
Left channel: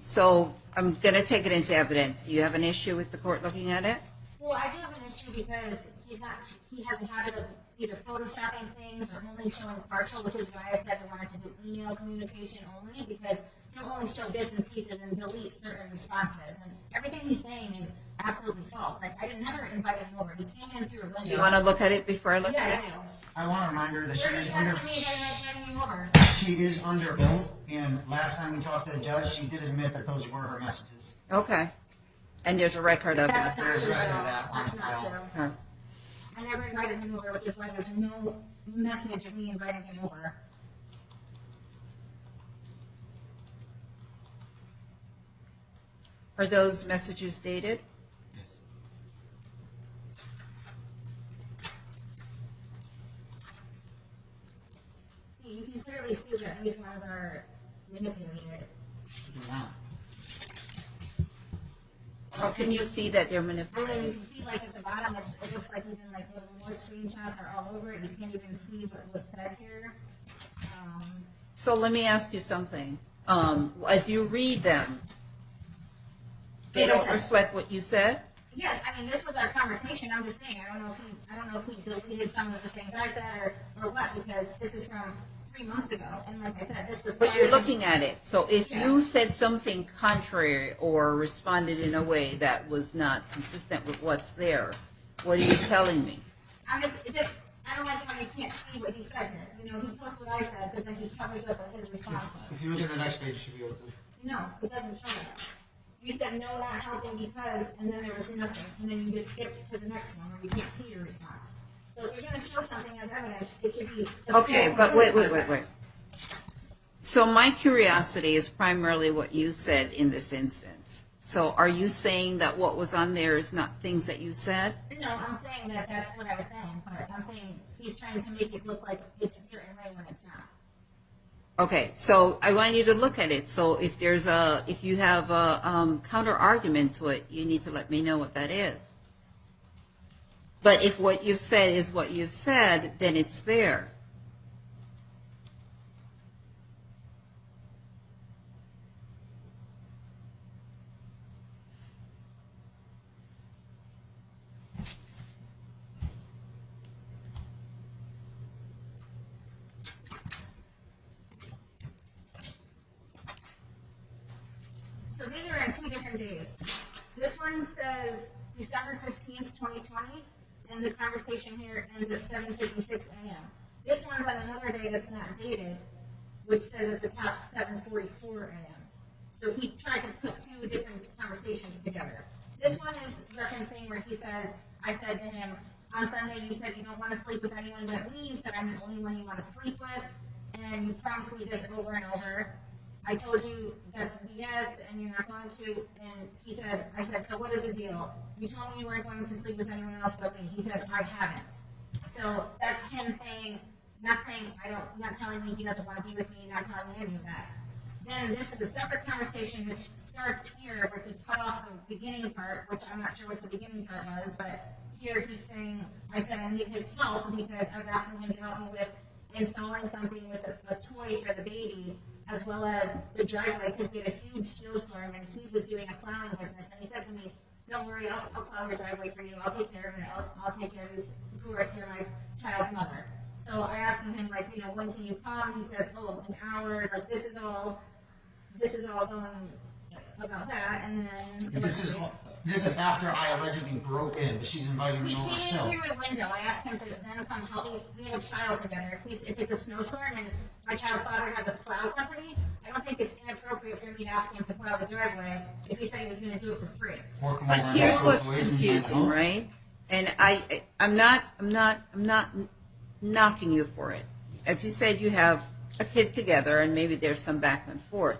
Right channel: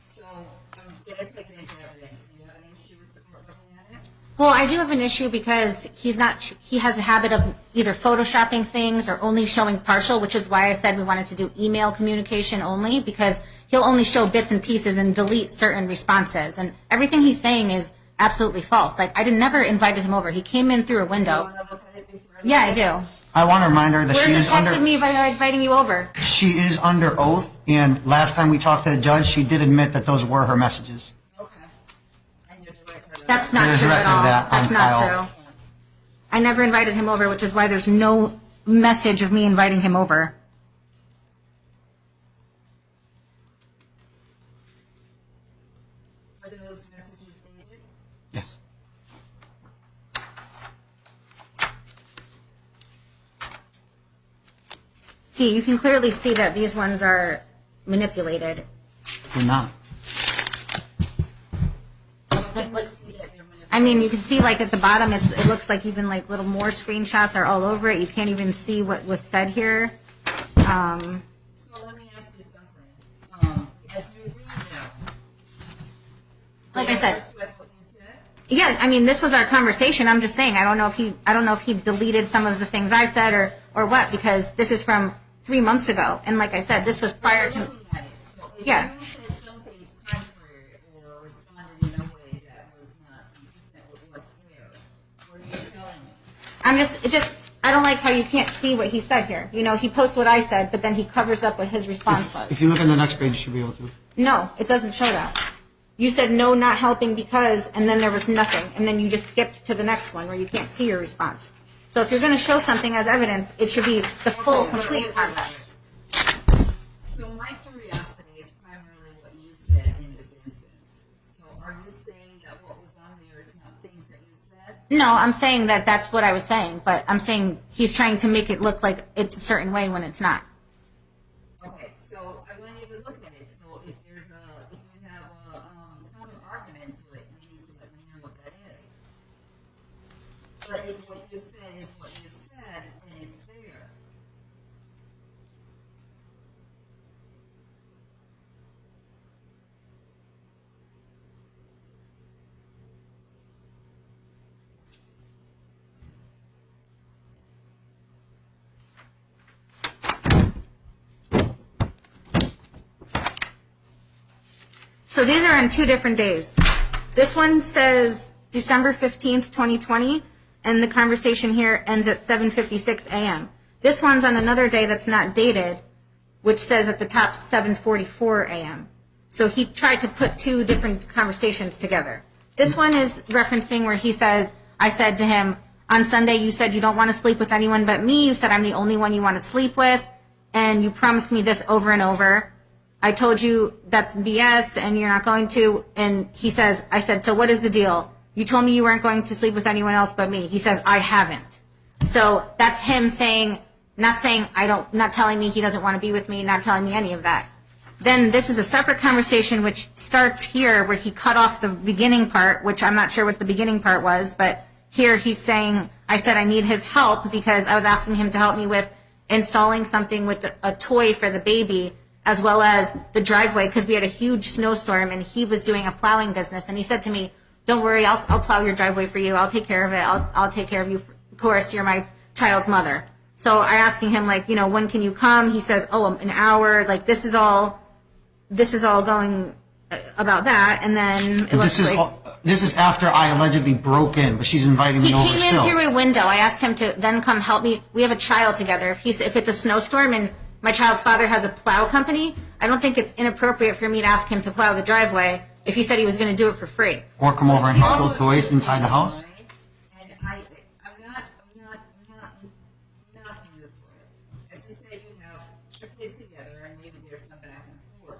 so I'm going to take it into evidence. Do you have an issue with the court looking at it? Well, I do have an issue because he has a habit of either photoshopping things or only showing partial, which is why I said we wanted to do email communication only, because he'll only show bits and pieces and delete certain responses. And everything he's saying is absolutely false. Like, I never invited him over. He came in through a Do window. you want to look at it before I look Yeah, at it? I do. I want to remind her that Where's she the is text under of me inviting you over? she is under oath, and last time we talked to the judge, she did admit that those were her messages. Okay. And there's a record of That's that. not There's a true at record of all. that on That's not file. true. I never invited him over, which is why there's no message of me inviting him over. Are those messages dated? Yes. See, you can clearly see that these ones are manipulated. They're not. How can you see that they're manipulated? I mean, you can see like at the bottom, it looks like even like little more screenshots are all over it. You can't even see what was said here. So let me ask you something. As you read them, they Like I don't said. reflect what you said? Yeah, I mean, this was our conversation. I'm just saying, I don't know if he deleted some of the things I said or what, because this is from 3 months ago. And like I said, this was But prior you're to. looking at it. So if Yes. you said something contrary or responded in a way that was not consistent with what's there, what are you telling me? I don't like how you can't see what he said here. You know, he posts what I said, but then he covers up what his response was. If you look at the next page, you should be able to. No, it doesn't show that. You said no, not helping because, and then there was nothing. And then you just skipped to the next one where you can't see your response. So if you're going to show something as evidence, it should be the full, Okay, complete but wait. context. So my curiosity is primarily what you said in this instance. So are you saying that what was on there is not things that you said? No, I'm saying that that's what I was saying, but I'm saying he's trying to make it look like it's a certain way when it's not. Okay, so I want you to look at it. So if you have a counter argument to it, you need to let me know what that is. But if what you've said is what you've said, then it's there. So these are on 2 different days. This one says December 15th, 2020, and the conversation here ends at 7:56 a.m. This one's on another day that's not dated, which says at the top 7:44 a.m. So he tried to put 2 different conversations together. This one is referencing where he says, I said to him, on Sunday you said you don't want to sleep with anyone but me. You said I'm the only one you want to sleep with, and you promised me this over and over. I told you that's BS and you're not going to. And he says, I said, so what is the deal? You told me you weren't going to sleep with anyone else but me. He says, I haven't. So that's him saying, not telling me he doesn't want to be with me, not telling me any of that. Then this is a separate conversation which starts here where he cut off the beginning part, which I'm not sure what the beginning part was, but here he's saying, I said I need his help because I was asking him to help me with installing something with a toy for the baby, as well as the driveway, because we had a huge snowstorm and he was doing a plowing business. And he said to me, don't worry, I'll plow your driveway for you. I'll take care of it. I'll take care of you. Of course, you're my child's mother. So I asking him, like, when can you come? He says, an hour. Like, this is all going about that. And then this is after I allegedly broke in, but she's inviting me over still. He came in through a window. I asked him to then come help me. We have a child together. If it's a snowstorm and my child's father has a plow company, I don't think it's inappropriate for me to ask him to plow the driveway if he said he was going to do it for free. Or come over and Here's hustle what's toys inside the house. right? And I'm not knocking you for it. As you said, you have a kid together, and maybe there's some back and forth.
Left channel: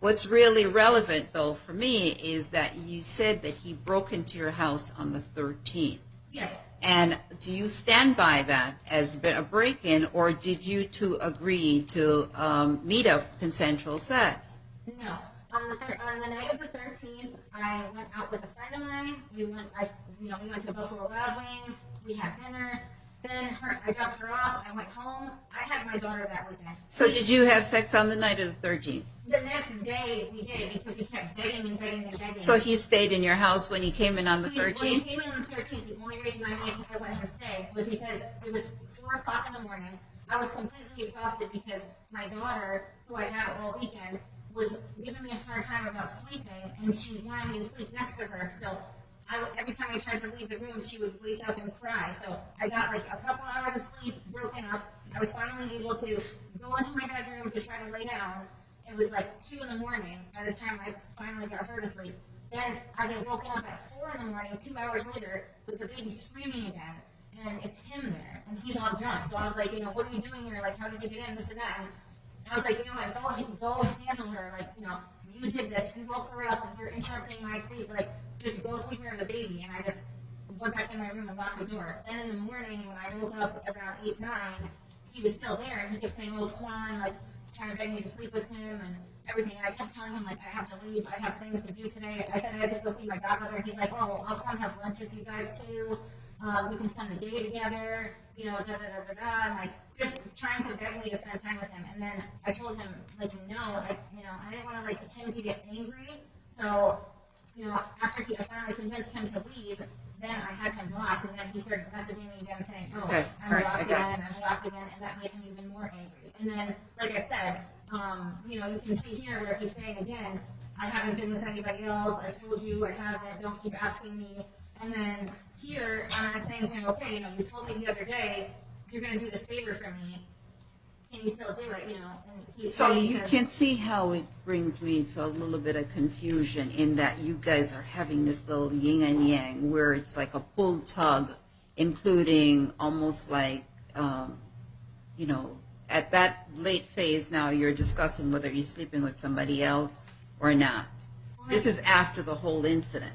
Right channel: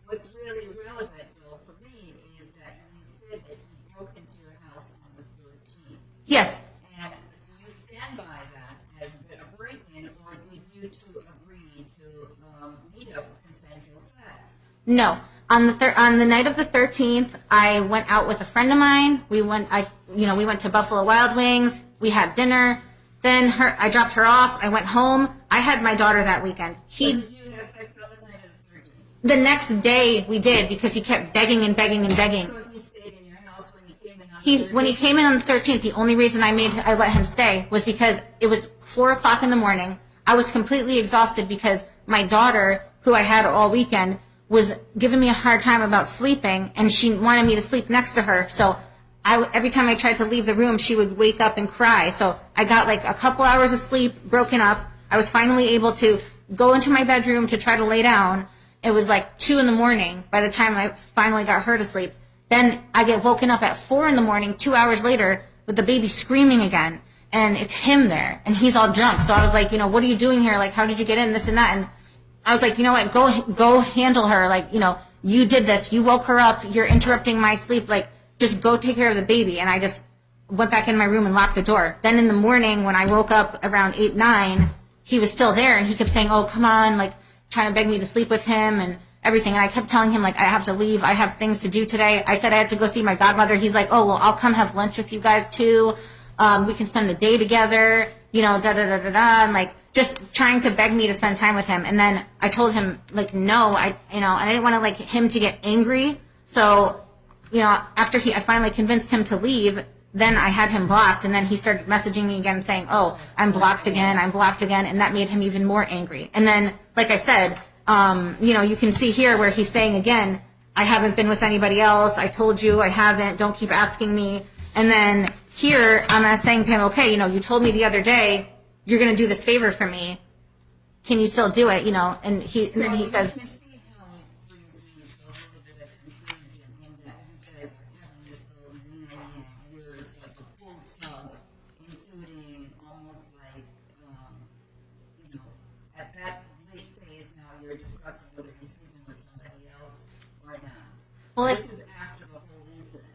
What's really relevant, though, for me, is that you said that he broke into your house on the 13th. Yes. And do you stand by that as a break-in, or did you two agree to meet up for consensual sex? No. On the night of the 13th, I went out with a friend of mine. We went to Buffalo Wild Wings. We had dinner. Then I dropped her off. I went home. I had my daughter that weekend. So did you have sex on the night of the 13th? The next day we did, because he kept begging and begging and begging. So he stayed in your house when he came in on the 13th? When he came in on the 13th, the only reason I let him stay was because it was 4 o'clock in the morning. I was completely exhausted because my daughter, who I had all weekend, was giving me a hard time about sleeping, and she wanted me to sleep next to her. So every time I tried to leave the room, she would wake up and cry. So I got like a couple hours of sleep broken up. I was finally able to go into my bedroom to try to lay down. It was like 2 in the morning by the time I finally got her to sleep. Then I get woken up at 4 in the morning, 2 hours later, with the baby screaming again. And it's him there, and he's all drunk. So I was like, what are you doing here? Like, how did you get in, this and that? And I was like, you know what, go handle her. Like, you did this. You woke her up. You're interrupting my sleep. Like, just go take care of the baby. And I just went back in my room and locked the door. Then in the morning, when I woke up around 8, 9, he was still there, and he kept saying, oh, come on, like, trying to beg me to sleep with him and everything. And I kept telling him, like, I have to leave. I have things to do today. I said I had to go see my godmother. He's like, oh, well, I'll come have lunch with you guys too. We can spend the day together, and like just trying to beg me to spend time with him. And then I told him, like, no, and I didn't want to like him to get angry. So, after I finally convinced him to leave, then I had him blocked, and then he started messaging me again saying, oh, okay, I'm blocked again, I'm blocked again, and that made him even more angry. And then, like I said, you can see here where he's saying again, I haven't been with anybody else, I told you I haven't, don't keep asking me. And then here, I'm saying to him, okay, you told me the other day you're going to do this favor for me. Can you still do it? And he says, you can see how it brings me to a little bit of confusion in that you guys are having this little yin and yang where it's like a pull tug, including almost like, at that late phase now you're discussing whether he's sleeping with somebody else or not. Well, this is after the whole incident.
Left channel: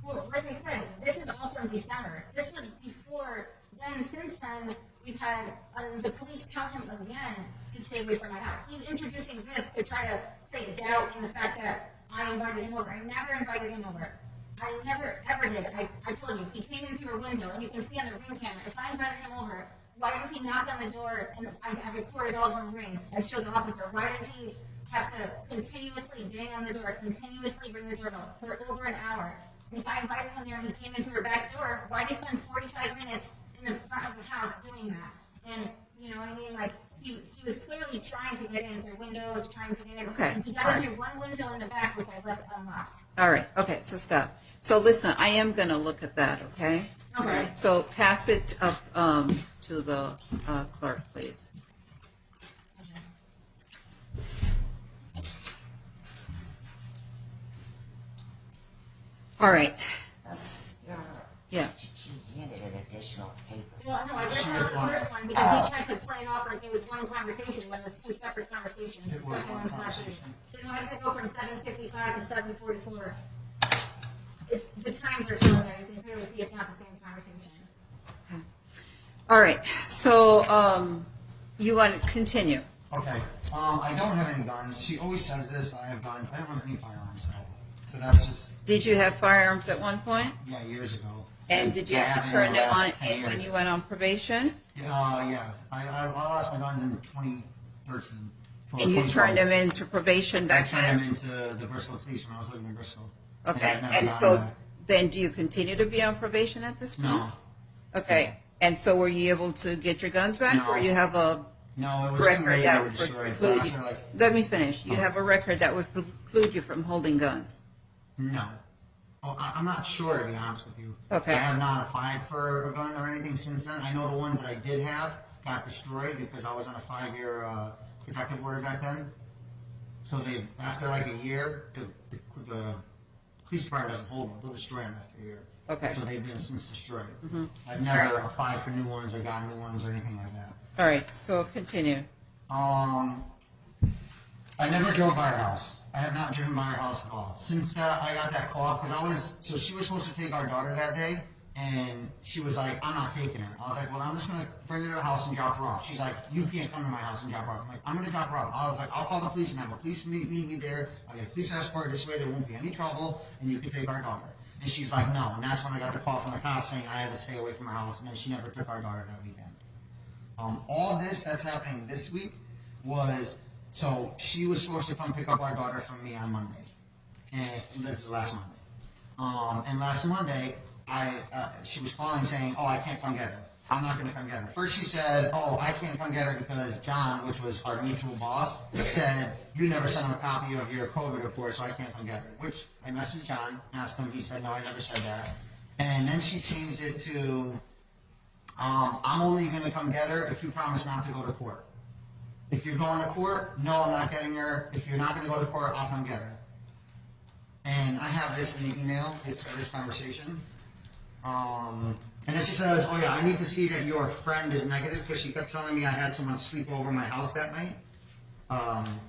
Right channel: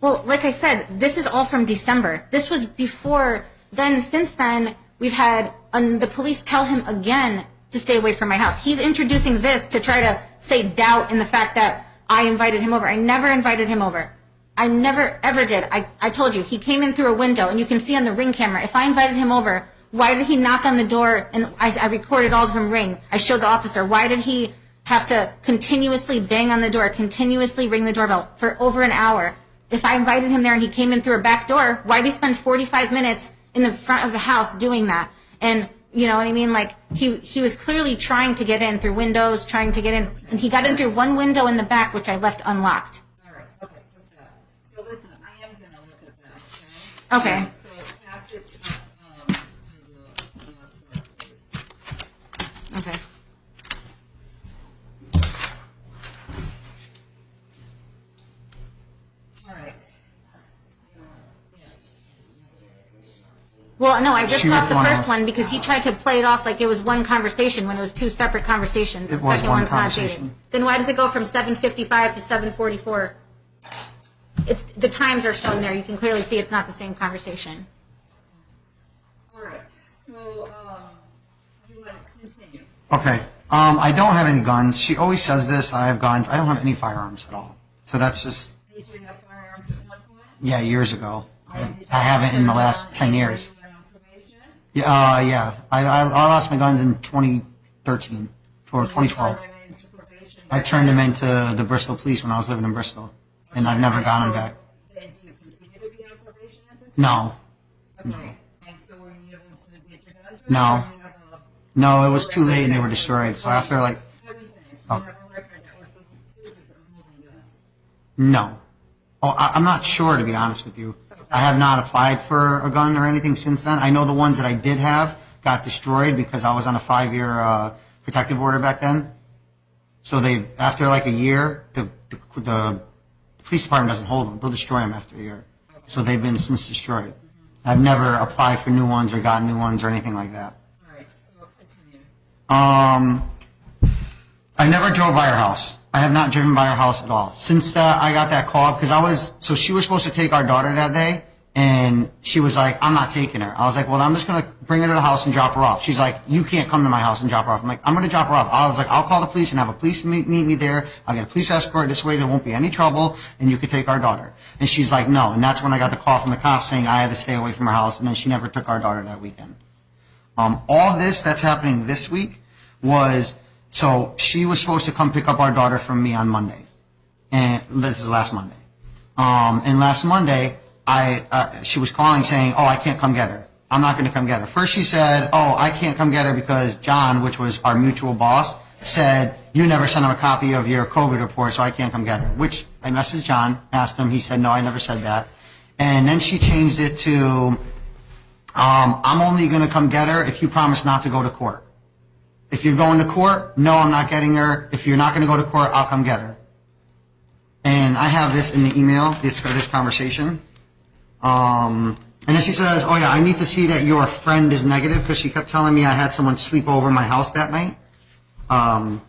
Well, like I said, this is all from December. This was before then. Since then, we've had the police tell him again to stay away from my house. He's introducing this to try to say doubt in the fact that I invited him over. I never invited him over. I never, ever did. I told you, he came in through a window, and you can see on the Ring camera, if I invited him over, why did he knock on the door? And I recorded all of him ring. I showed the officer. Why did he have to continuously bang on the door, continuously ring the doorbell for over an hour? If I invited him there and he came in through a back door, why did he spend 45 minutes in the front of the house doing that? And you know what I mean? Like, he was clearly trying to get in through windows, trying to get in. Okay. And he got in through one window in the back, which I left unlocked. All right, okay, so stop. So listen, I am going to look at that, okay? Okay. All right, so pass it up to the clerk, please. Okay. All right. Yeah. She handed an additional paper. Well, no, I ripped She off ripped the one first off. one because he tried to play it off like it was one conversation when it was two separate conversations. It The was second one one's not dated. conversation. Then why does it go from 7:55 to 7:44? It's the times are shown there. You can clearly see it's not the same conversation. All right, so you want to continue? Okay. I don't have any guns. She always says this. I have guns. I don't have any firearms at all. So that's just, Did you have firearms at one point? yeah, years ago. And did you I ever haven't in turn the them last on 10 when years. you went on probation? Yeah. I lost my guns in 2013 or And you 2012. turned them into probation I back turned then? them into the Bristol Police when I was living in Bristol. Okay, And I've never gotten so them back. Then do you continue to be on probation at this point? No. Okay, and so were you able to get your guns back? No. Or you have a No, it was too record late and that they were would destroyed. So preclude after you- like, Let me finish. You Oh. have a record that would preclude you from holding guns. no. Oh, I'm not sure, to be honest with you. Okay. I have not applied for a gun or anything since then. I know the ones that I did have got destroyed because I was on a 5-year protective order back then. So after like a year, the police department doesn't hold them. They'll destroy them after a year. Okay. So they've been since destroyed. I've never applied for new ones or gotten new ones or anything like that. All right, so continue. I never drove by her house. I have not driven by her house at all. Since I got that call, because she was supposed to take our daughter that day, and she was like, I'm not taking her. I was like, well, I'm just going to bring her to the house and drop her off. She's like, you can't come to my house and drop her off. I'm like, I'm going to drop her off. I was like, I'll call the police and have a police meet me there. I'll get a police escort. This way there won't be any trouble, and you could take our daughter. And she's like, no. And that's when I got the call from the cops saying I had to stay away from her house, and then she never took our daughter that weekend. All this that's happening this week so she was supposed to come pick up our daughter from me on Monday. And this is last Monday. And last Monday, she was calling saying, oh, I can't come get her. I'm not going to come get her. First she said, oh, I can't come get her because John, which was our mutual boss, said, you never sent him a copy of your COVID report, so I can't come get her. Which I messaged John, asked him, he said, no, I never said that. And then she changed it to, I'm only going to come get her if you promise not to go to court. If you're going to court, no, I'm not getting her. If you're not going to go to court, I'll come get her. And I have this in the email, this conversation. And then she says, oh yeah, I need to see that your friend is negative because she kept telling me I had someone sleep over my house that night. And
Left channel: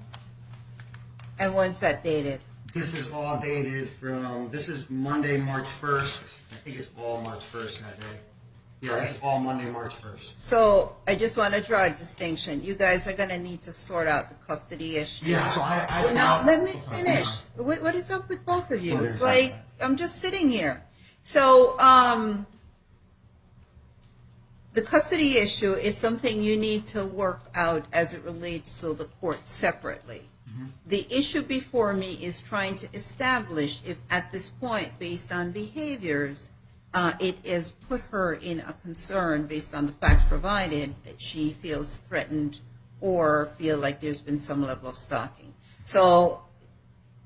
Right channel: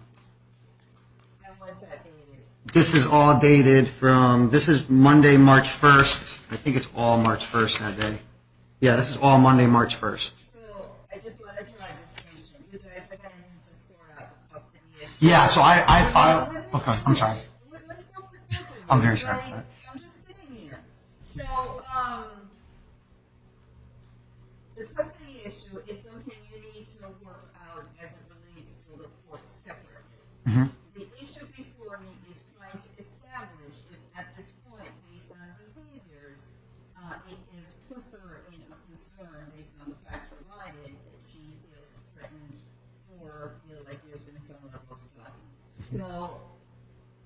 when's that dated? This is all dated this is Monday, March 1st. I think it's all March 1st that day. Yeah, this is all Monday, March 1st. So I just want to draw a distinction. You guys are going to need to sort out the custody issue. Yeah, so I Well, filed. no, let me okay, finish. I'm sorry. What is up with both of you? I'm very It's sorry like, about I'm just sitting here. So the custody issue is something you need to work out as it relates to the court separately. Mm-hmm. The issue before me is trying to establish if at this point, based on behaviors, it has put her in a concern based on the facts provided that she feels threatened or feel like there's been some level of stalking. So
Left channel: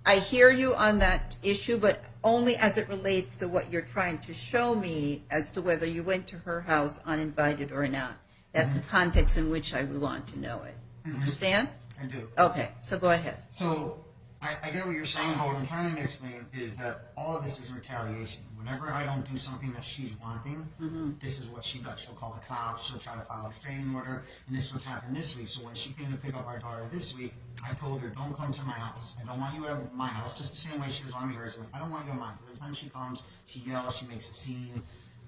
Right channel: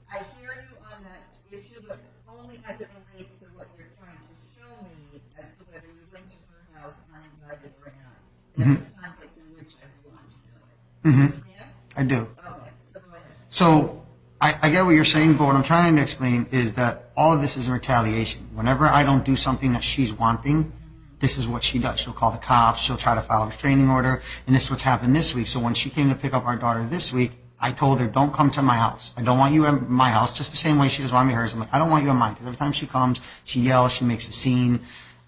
I hear you on that issue, but only as it relates to what you're trying to show me as to whether you went to her house uninvited or not. That's the context in which I would want to know it. Understand? I do. Okay, so go ahead. So I get what you're saying, but what I'm trying to explain is that all of this is in retaliation. Whenever I don't do something that she's wanting, this is what she does. She'll call the cops. She'll try to file a restraining order. And this is what's happened this week. So when she came to pick up our daughter this week, I told her, don't come to my house. I don't want you at my house, just the same way she doesn't want me at hers. I'm like, I don't want you at mine. Because every time she comes, she yells, she makes a scene.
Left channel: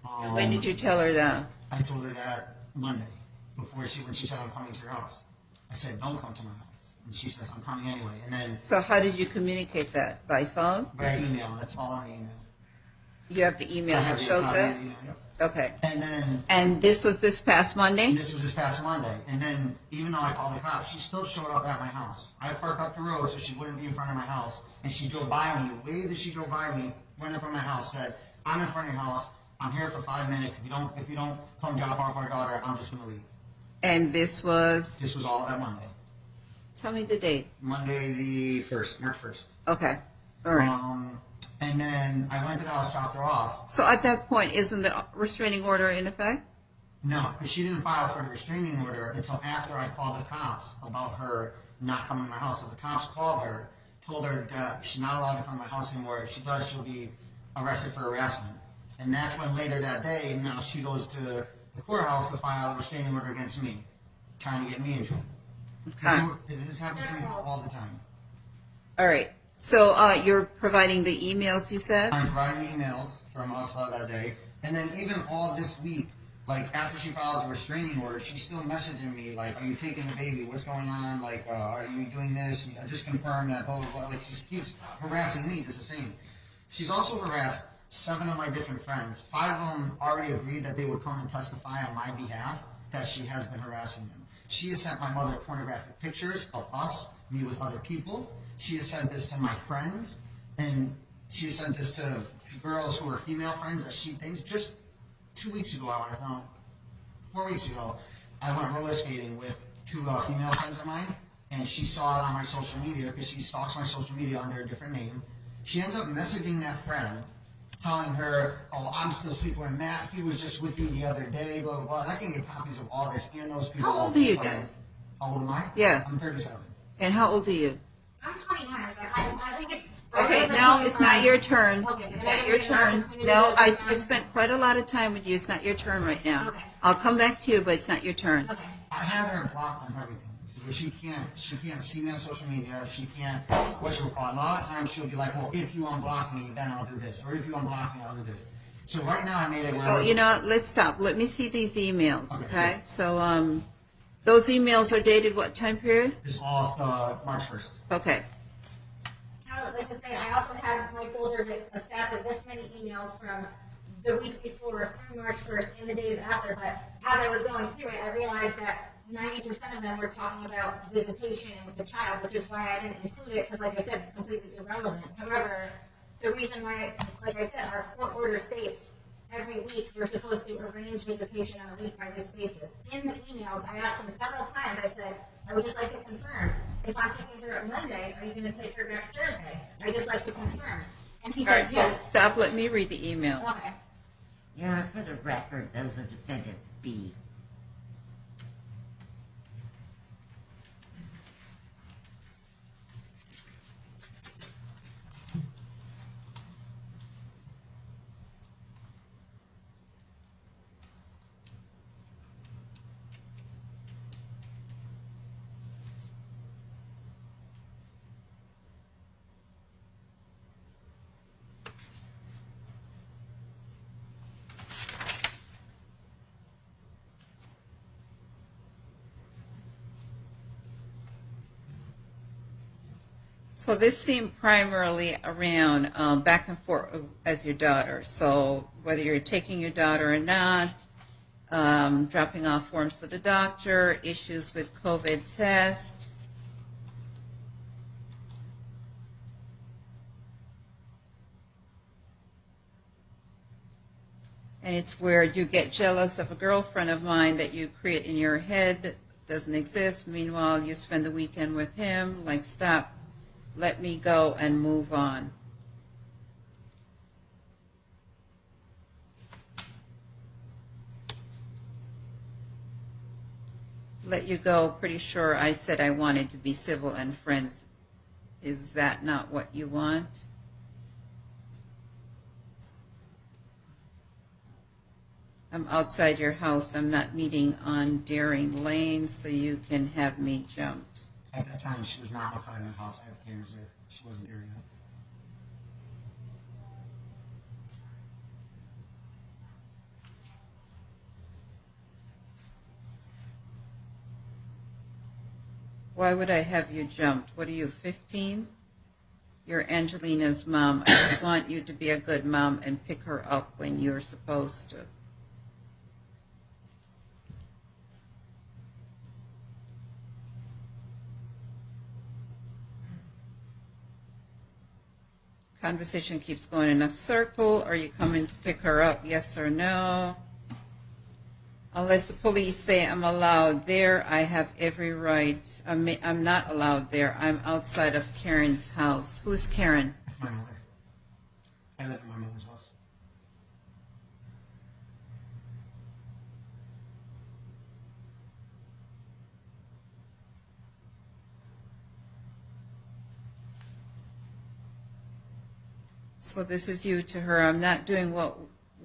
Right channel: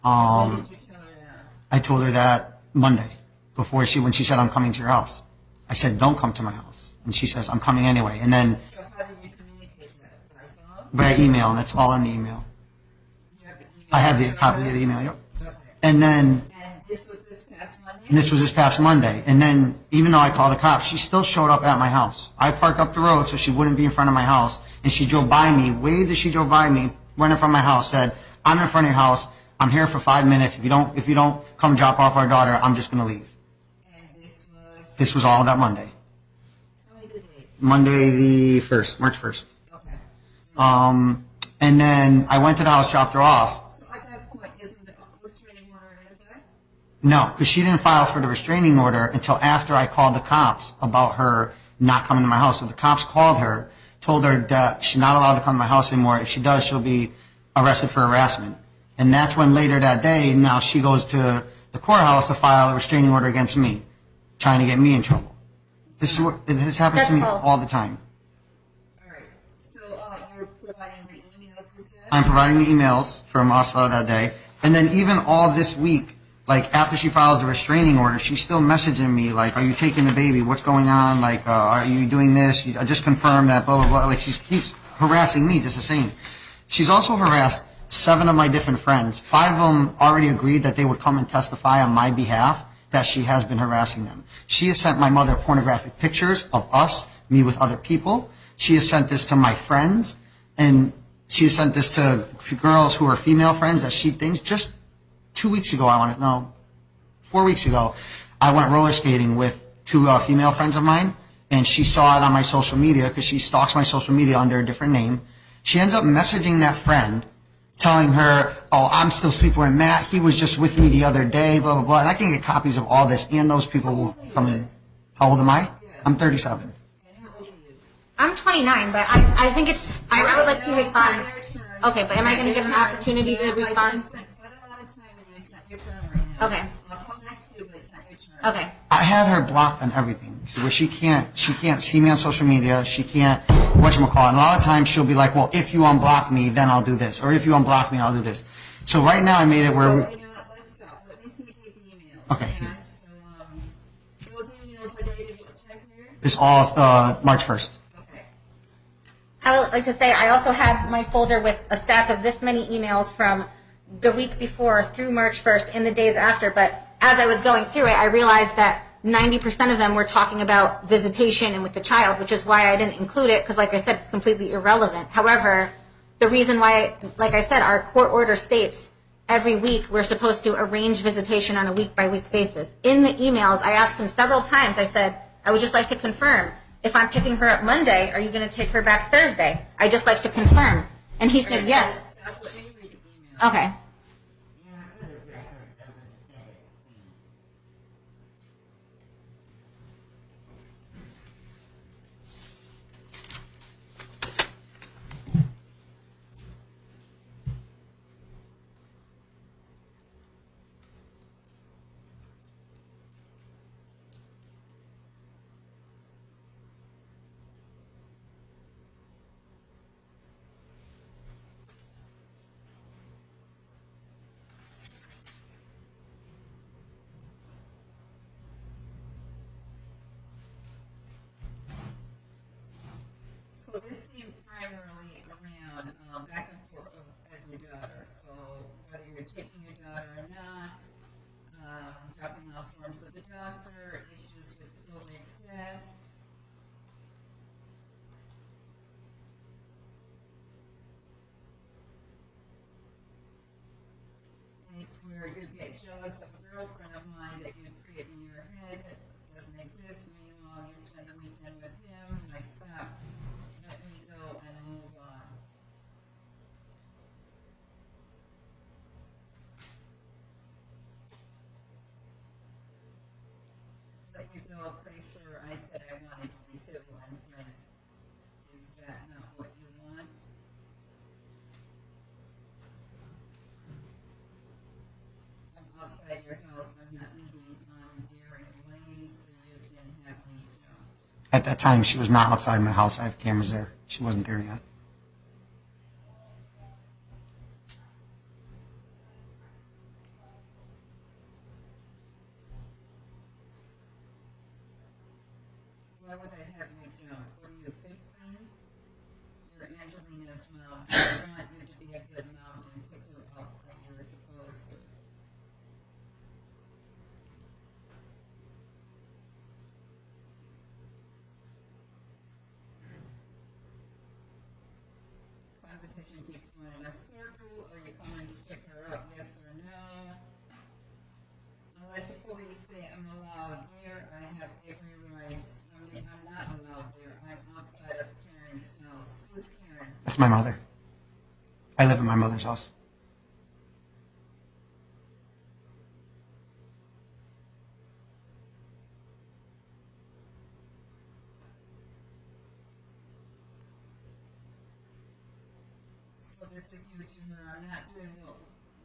When did you tell her that? I told her that Monday, when she said, I'm coming to your house. I said, don't come to my house. And she says, I'm coming anyway. And then So how did you communicate that? By phone? by email, and that's all in the email. You have the email I have that the shows copy it? of the email, yep. Okay. And this was this past Monday? this was this past Monday. And then, even though I called the cops, she still showed up at my house. I parked up the road so she wouldn't be in front of my house. And she drove by me, waved as she drove by me, went in front of my house, said, I'm in front of your house. I'm here for 5 minutes. If you don't come drop off our daughter, I'm just going to leave. And this was? This was all that Monday. Tell me the date. Monday the 1st, March 1st. Okay. All right. And then I went to the house, dropped her off. So at that point, isn't the restraining order in effect? No, because she didn't file for the restraining order until after I called the cops about her not coming to my house. So the cops called her, told her that she's not allowed to come to my house anymore. If she does, she'll be arrested for harassment. And that's when later that day, now she goes to the courthouse to file a restraining order against me, trying to get me in trouble. This happens to me all the time. All right. So you're providing the emails, you said? I'm providing the emails from us that day. And then even all this week, like after she files a restraining order, she's still messaging me like, are you taking the baby? What's going on? Like, are you doing this? I just confirmed that, blah, blah, blah. Like she keeps harassing me just the same. She's also harassed 7 of my different friends. 5 of them already agreed that they would come and testify on my behalf that she has been harassing them. She has sent my mother pornographic pictures of us, me with other people. She has sent this to my friends, and she has sent this to girls who are female friends that she thinks. Just 2 weeks ago, 4 weeks ago, I went roller skating with 2 female friends of mine, and she saw it on my social media because she stalks my social media under a different name. She ends up messaging that friend, telling her, oh, I'm still sleeping with Matt. He was just with me the other day, blah, blah, blah. And I can get copies of all this, and those people How old will are you come guys? in. How old am I? Yeah. I'm 37. And how old are you? I'm 29, but I think it's. I would like no, to it's respond. not your turn. Okay, but am I Not going to your get an turn. opportunity no, to respond? I spent quite a lot of time with you. It's not your turn right now. Okay. I'll come back to you, but it's not your turn. Okay. I had her blocked on everything, where she can't see me on social media. She can't, whatchamacallit. And a lot of times she'll be like, well, if you unblock me, then I'll do this. Or if you unblock me, I'll do this. So right now I made it where... So, you know, let's stop. Let me see these emails, okay? So, those emails are dated what time period? It's all March 1st. Okay. I would like to say I also have my folder with a stack of this many emails from the week before through March 1st in the days after. But as I was going through it, I realized that 90% of them were talking about visitation and with the child, which is why I didn't include it because, like I said, it's completely irrelevant. However, the reason why, like I said, our court order states every week we're supposed to arrange visitation on a week-by-week basis. In the emails, I asked him several times, I said, I would just like to confirm, if I'm picking her up Monday, are you going to take her back Thursday? I just like to confirm. And he All said right, yes. So stop. Let me read the emails. Okay. Your Honor, for the record, those are defendants B. So this seemed primarily around back and forth as your daughter. So whether you're taking your daughter or not, dropping off forms to the doctor, issues with COVID test. And it's where you get jealous of a girlfriend of mine that you create in your head, doesn't exist. Meanwhile, you spend the weekend with him. Like, stop. Let me go and move on. Let you go. Pretty sure I said I wanted to be civil and friends. Is that not what you want? I'm outside your house. I'm not meeting on Daring Lane, so you can have me jumped. At that time, she was not outside my house. I have cameras there. She wasn't there yet. Why would I have you jumped? What are you, 15? You're Angelina's mom. I just want you to be a good mom and pick her up when you're supposed to. Conversation keeps going in a circle. Are you coming to pick her up? Yes or no? Unless the police say I'm allowed there, I have every right. I'm not allowed there. I'm outside of Karen's house. Who's Karen? That's my mother. I live in my mother's house. So this is you to her. I'm not doing what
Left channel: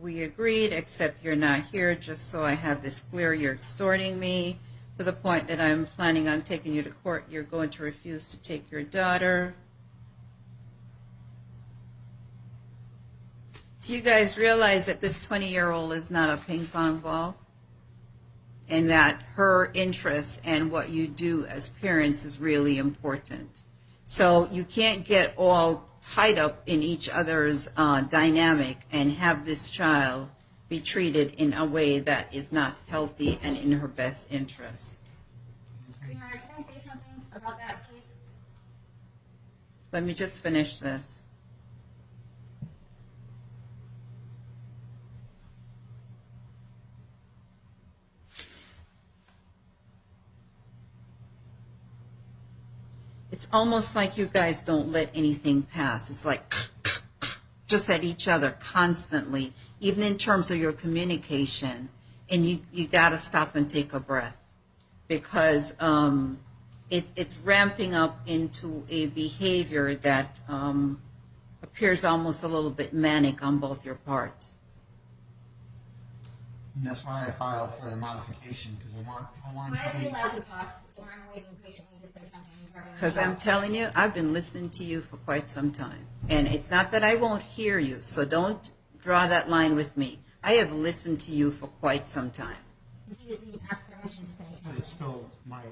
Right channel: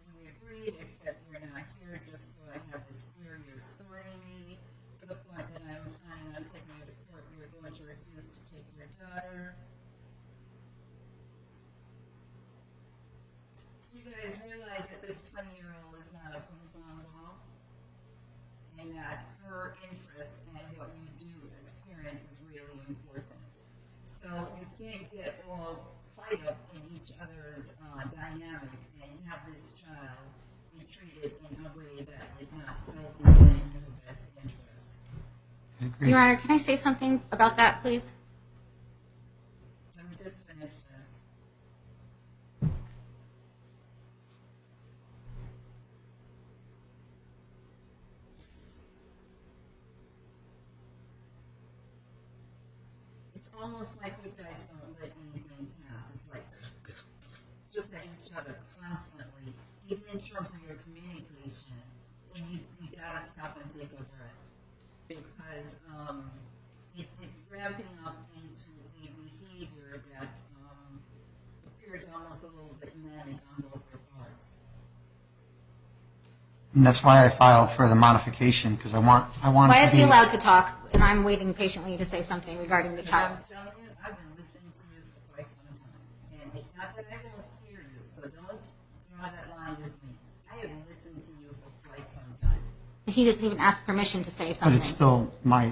we agreed, except you're not here. Just so I have this clear, you're extorting me to the point that I'm planning on taking you to court. You're going to refuse to take your daughter. Do you guys realize that this 20-year-old is not a ping pong ball? And that her interests and what you do as parents is really important. So you can't get all tied up in each other's dynamic and have this child be treated in a way that is not healthy and in her best interest. Your Honor, can I say something about that, please? Let me just finish this. It's almost like you guys don't let anything pass. It's like just at each other constantly, even in terms of your communication. And you got to stop and take a breath, because it's ramping up into a behavior that appears almost a little bit manic on both your parts. And that's why I filed for the modification, because I want Why to is be... he allowed to talk, and I'm waiting patiently to say something regarding the Because child? I'm telling you, I've been listening to you for quite some time. And it's not that I won't hear you, so don't draw that line with me. I have listened to you for quite some time. He doesn't even ask permission to say But something. it's still my...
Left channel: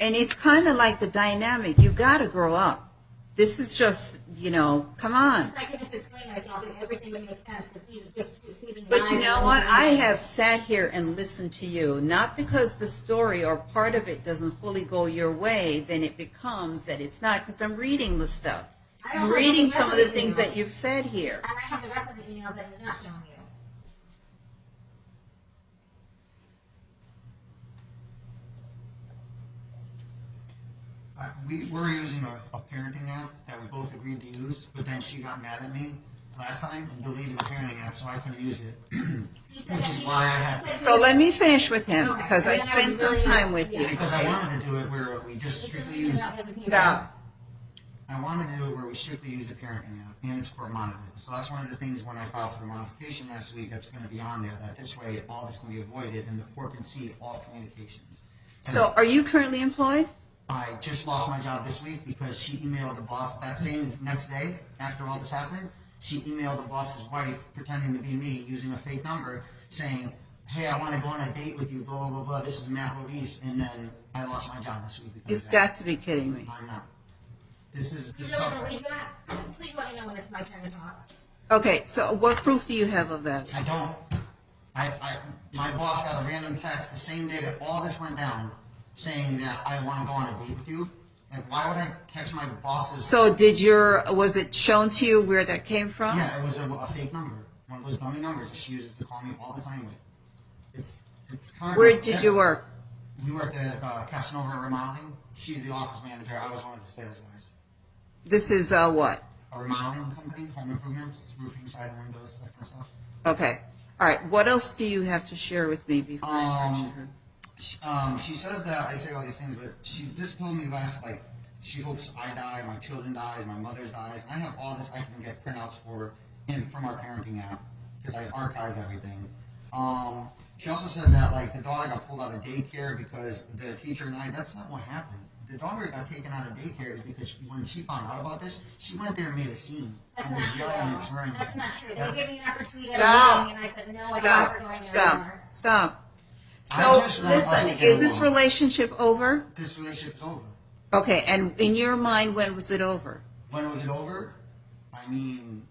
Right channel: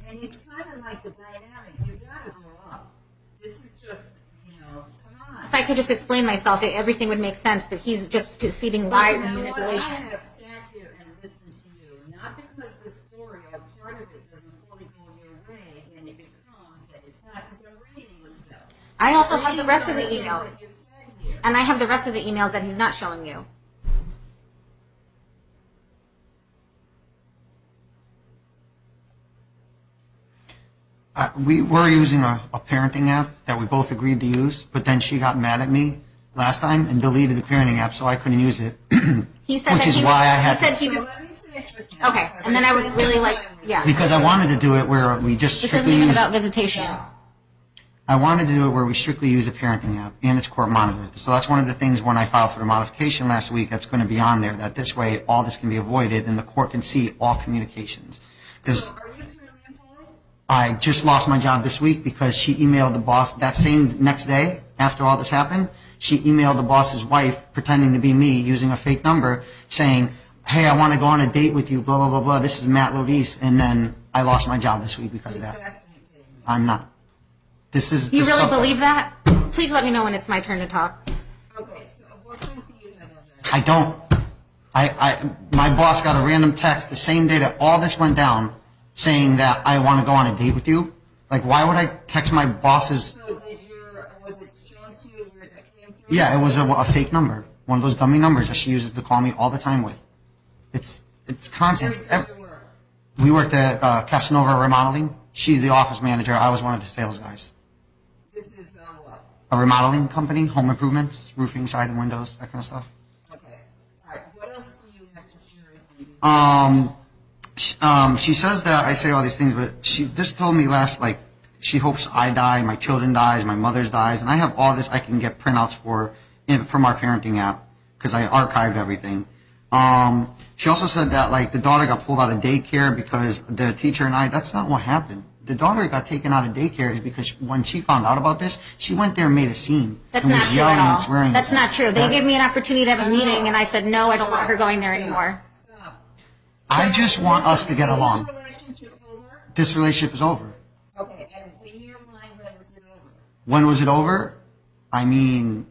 And it's kind of like the dynamic. You got to grow up. This is just, come on. If I could just explain myself, everything would make sense, but he's just feeding But lies you know and what? I manipulation. have sat here and listened to you, not because the story or part of it doesn't fully go your way, then it becomes that it's not, because I'm reading the stuff. I also I'm have the reading rest some of of the the things email. that you've said here. And I have the rest of the emails that he's not showing you. We were using a parenting app that we both agreed to use, but then she got mad at me last time and deleted the parenting app, so I couldn't use it. He said Which that is he why I he had said to... he So was- let me finish with him, Okay, because and then I would spent really some like- time with yeah. you. Because I wanted to do it where we just This isn't strictly even use... about visitation. Stop. I wanted to do it where we strictly use a parenting app and it's court monitored. So that's one of the things when I filed for the modification last week that's going to be on there, that this way all this can be avoided and the court can see all communications. 'Cause So are you currently employed? I just lost my job this week because she emailed the boss that same next day after all this happened. She emailed the boss's wife pretending to be me using a fake number saying, hey, I want to go on a date with you, blah, blah, blah, blah. This is Matt Lodis. And then I lost my job this week because You've of that. got to be kidding me. I'm not. This is... You this really stuff- believe that? Please let me know when it's my turn to talk. Okay, so what proof do you have of that? I don't. My boss got a random text the same day that all this went down saying that I want to go on a date with you. Like, why would I text my boss's... So was it shown to you where that came from? Yeah, it was a fake number. One of those dummy numbers that she uses to call me all the time with. It's constant. Where did you work? We worked at Casanova Remodeling. She's the office manager. I was one of the sales guys. This is what? A remodeling company, home improvements, roofing, siding, windows, that kind of stuff. Okay. All right. What else do you have to share with me before I finish her? She says that I say all these things, but she just told me she hopes I die, my children dies, my mother's dies, and I have all this I can get printouts from our parenting app because I archived everything. She also said that the daughter got pulled out of daycare because the teacher and that's not what happened. The daughter got taken out of daycare is because when she found out about this, she went there and made a scene. That's and not was true yelling at and all. swearing. That's not true. They gave me an opportunity to have a meeting, and I said, no, I don't want her going there anymore. Stop. I just want us to get Is along. this relationship over? This relationship is over. Okay, and in your mind, when was it over? When was it over? I mean,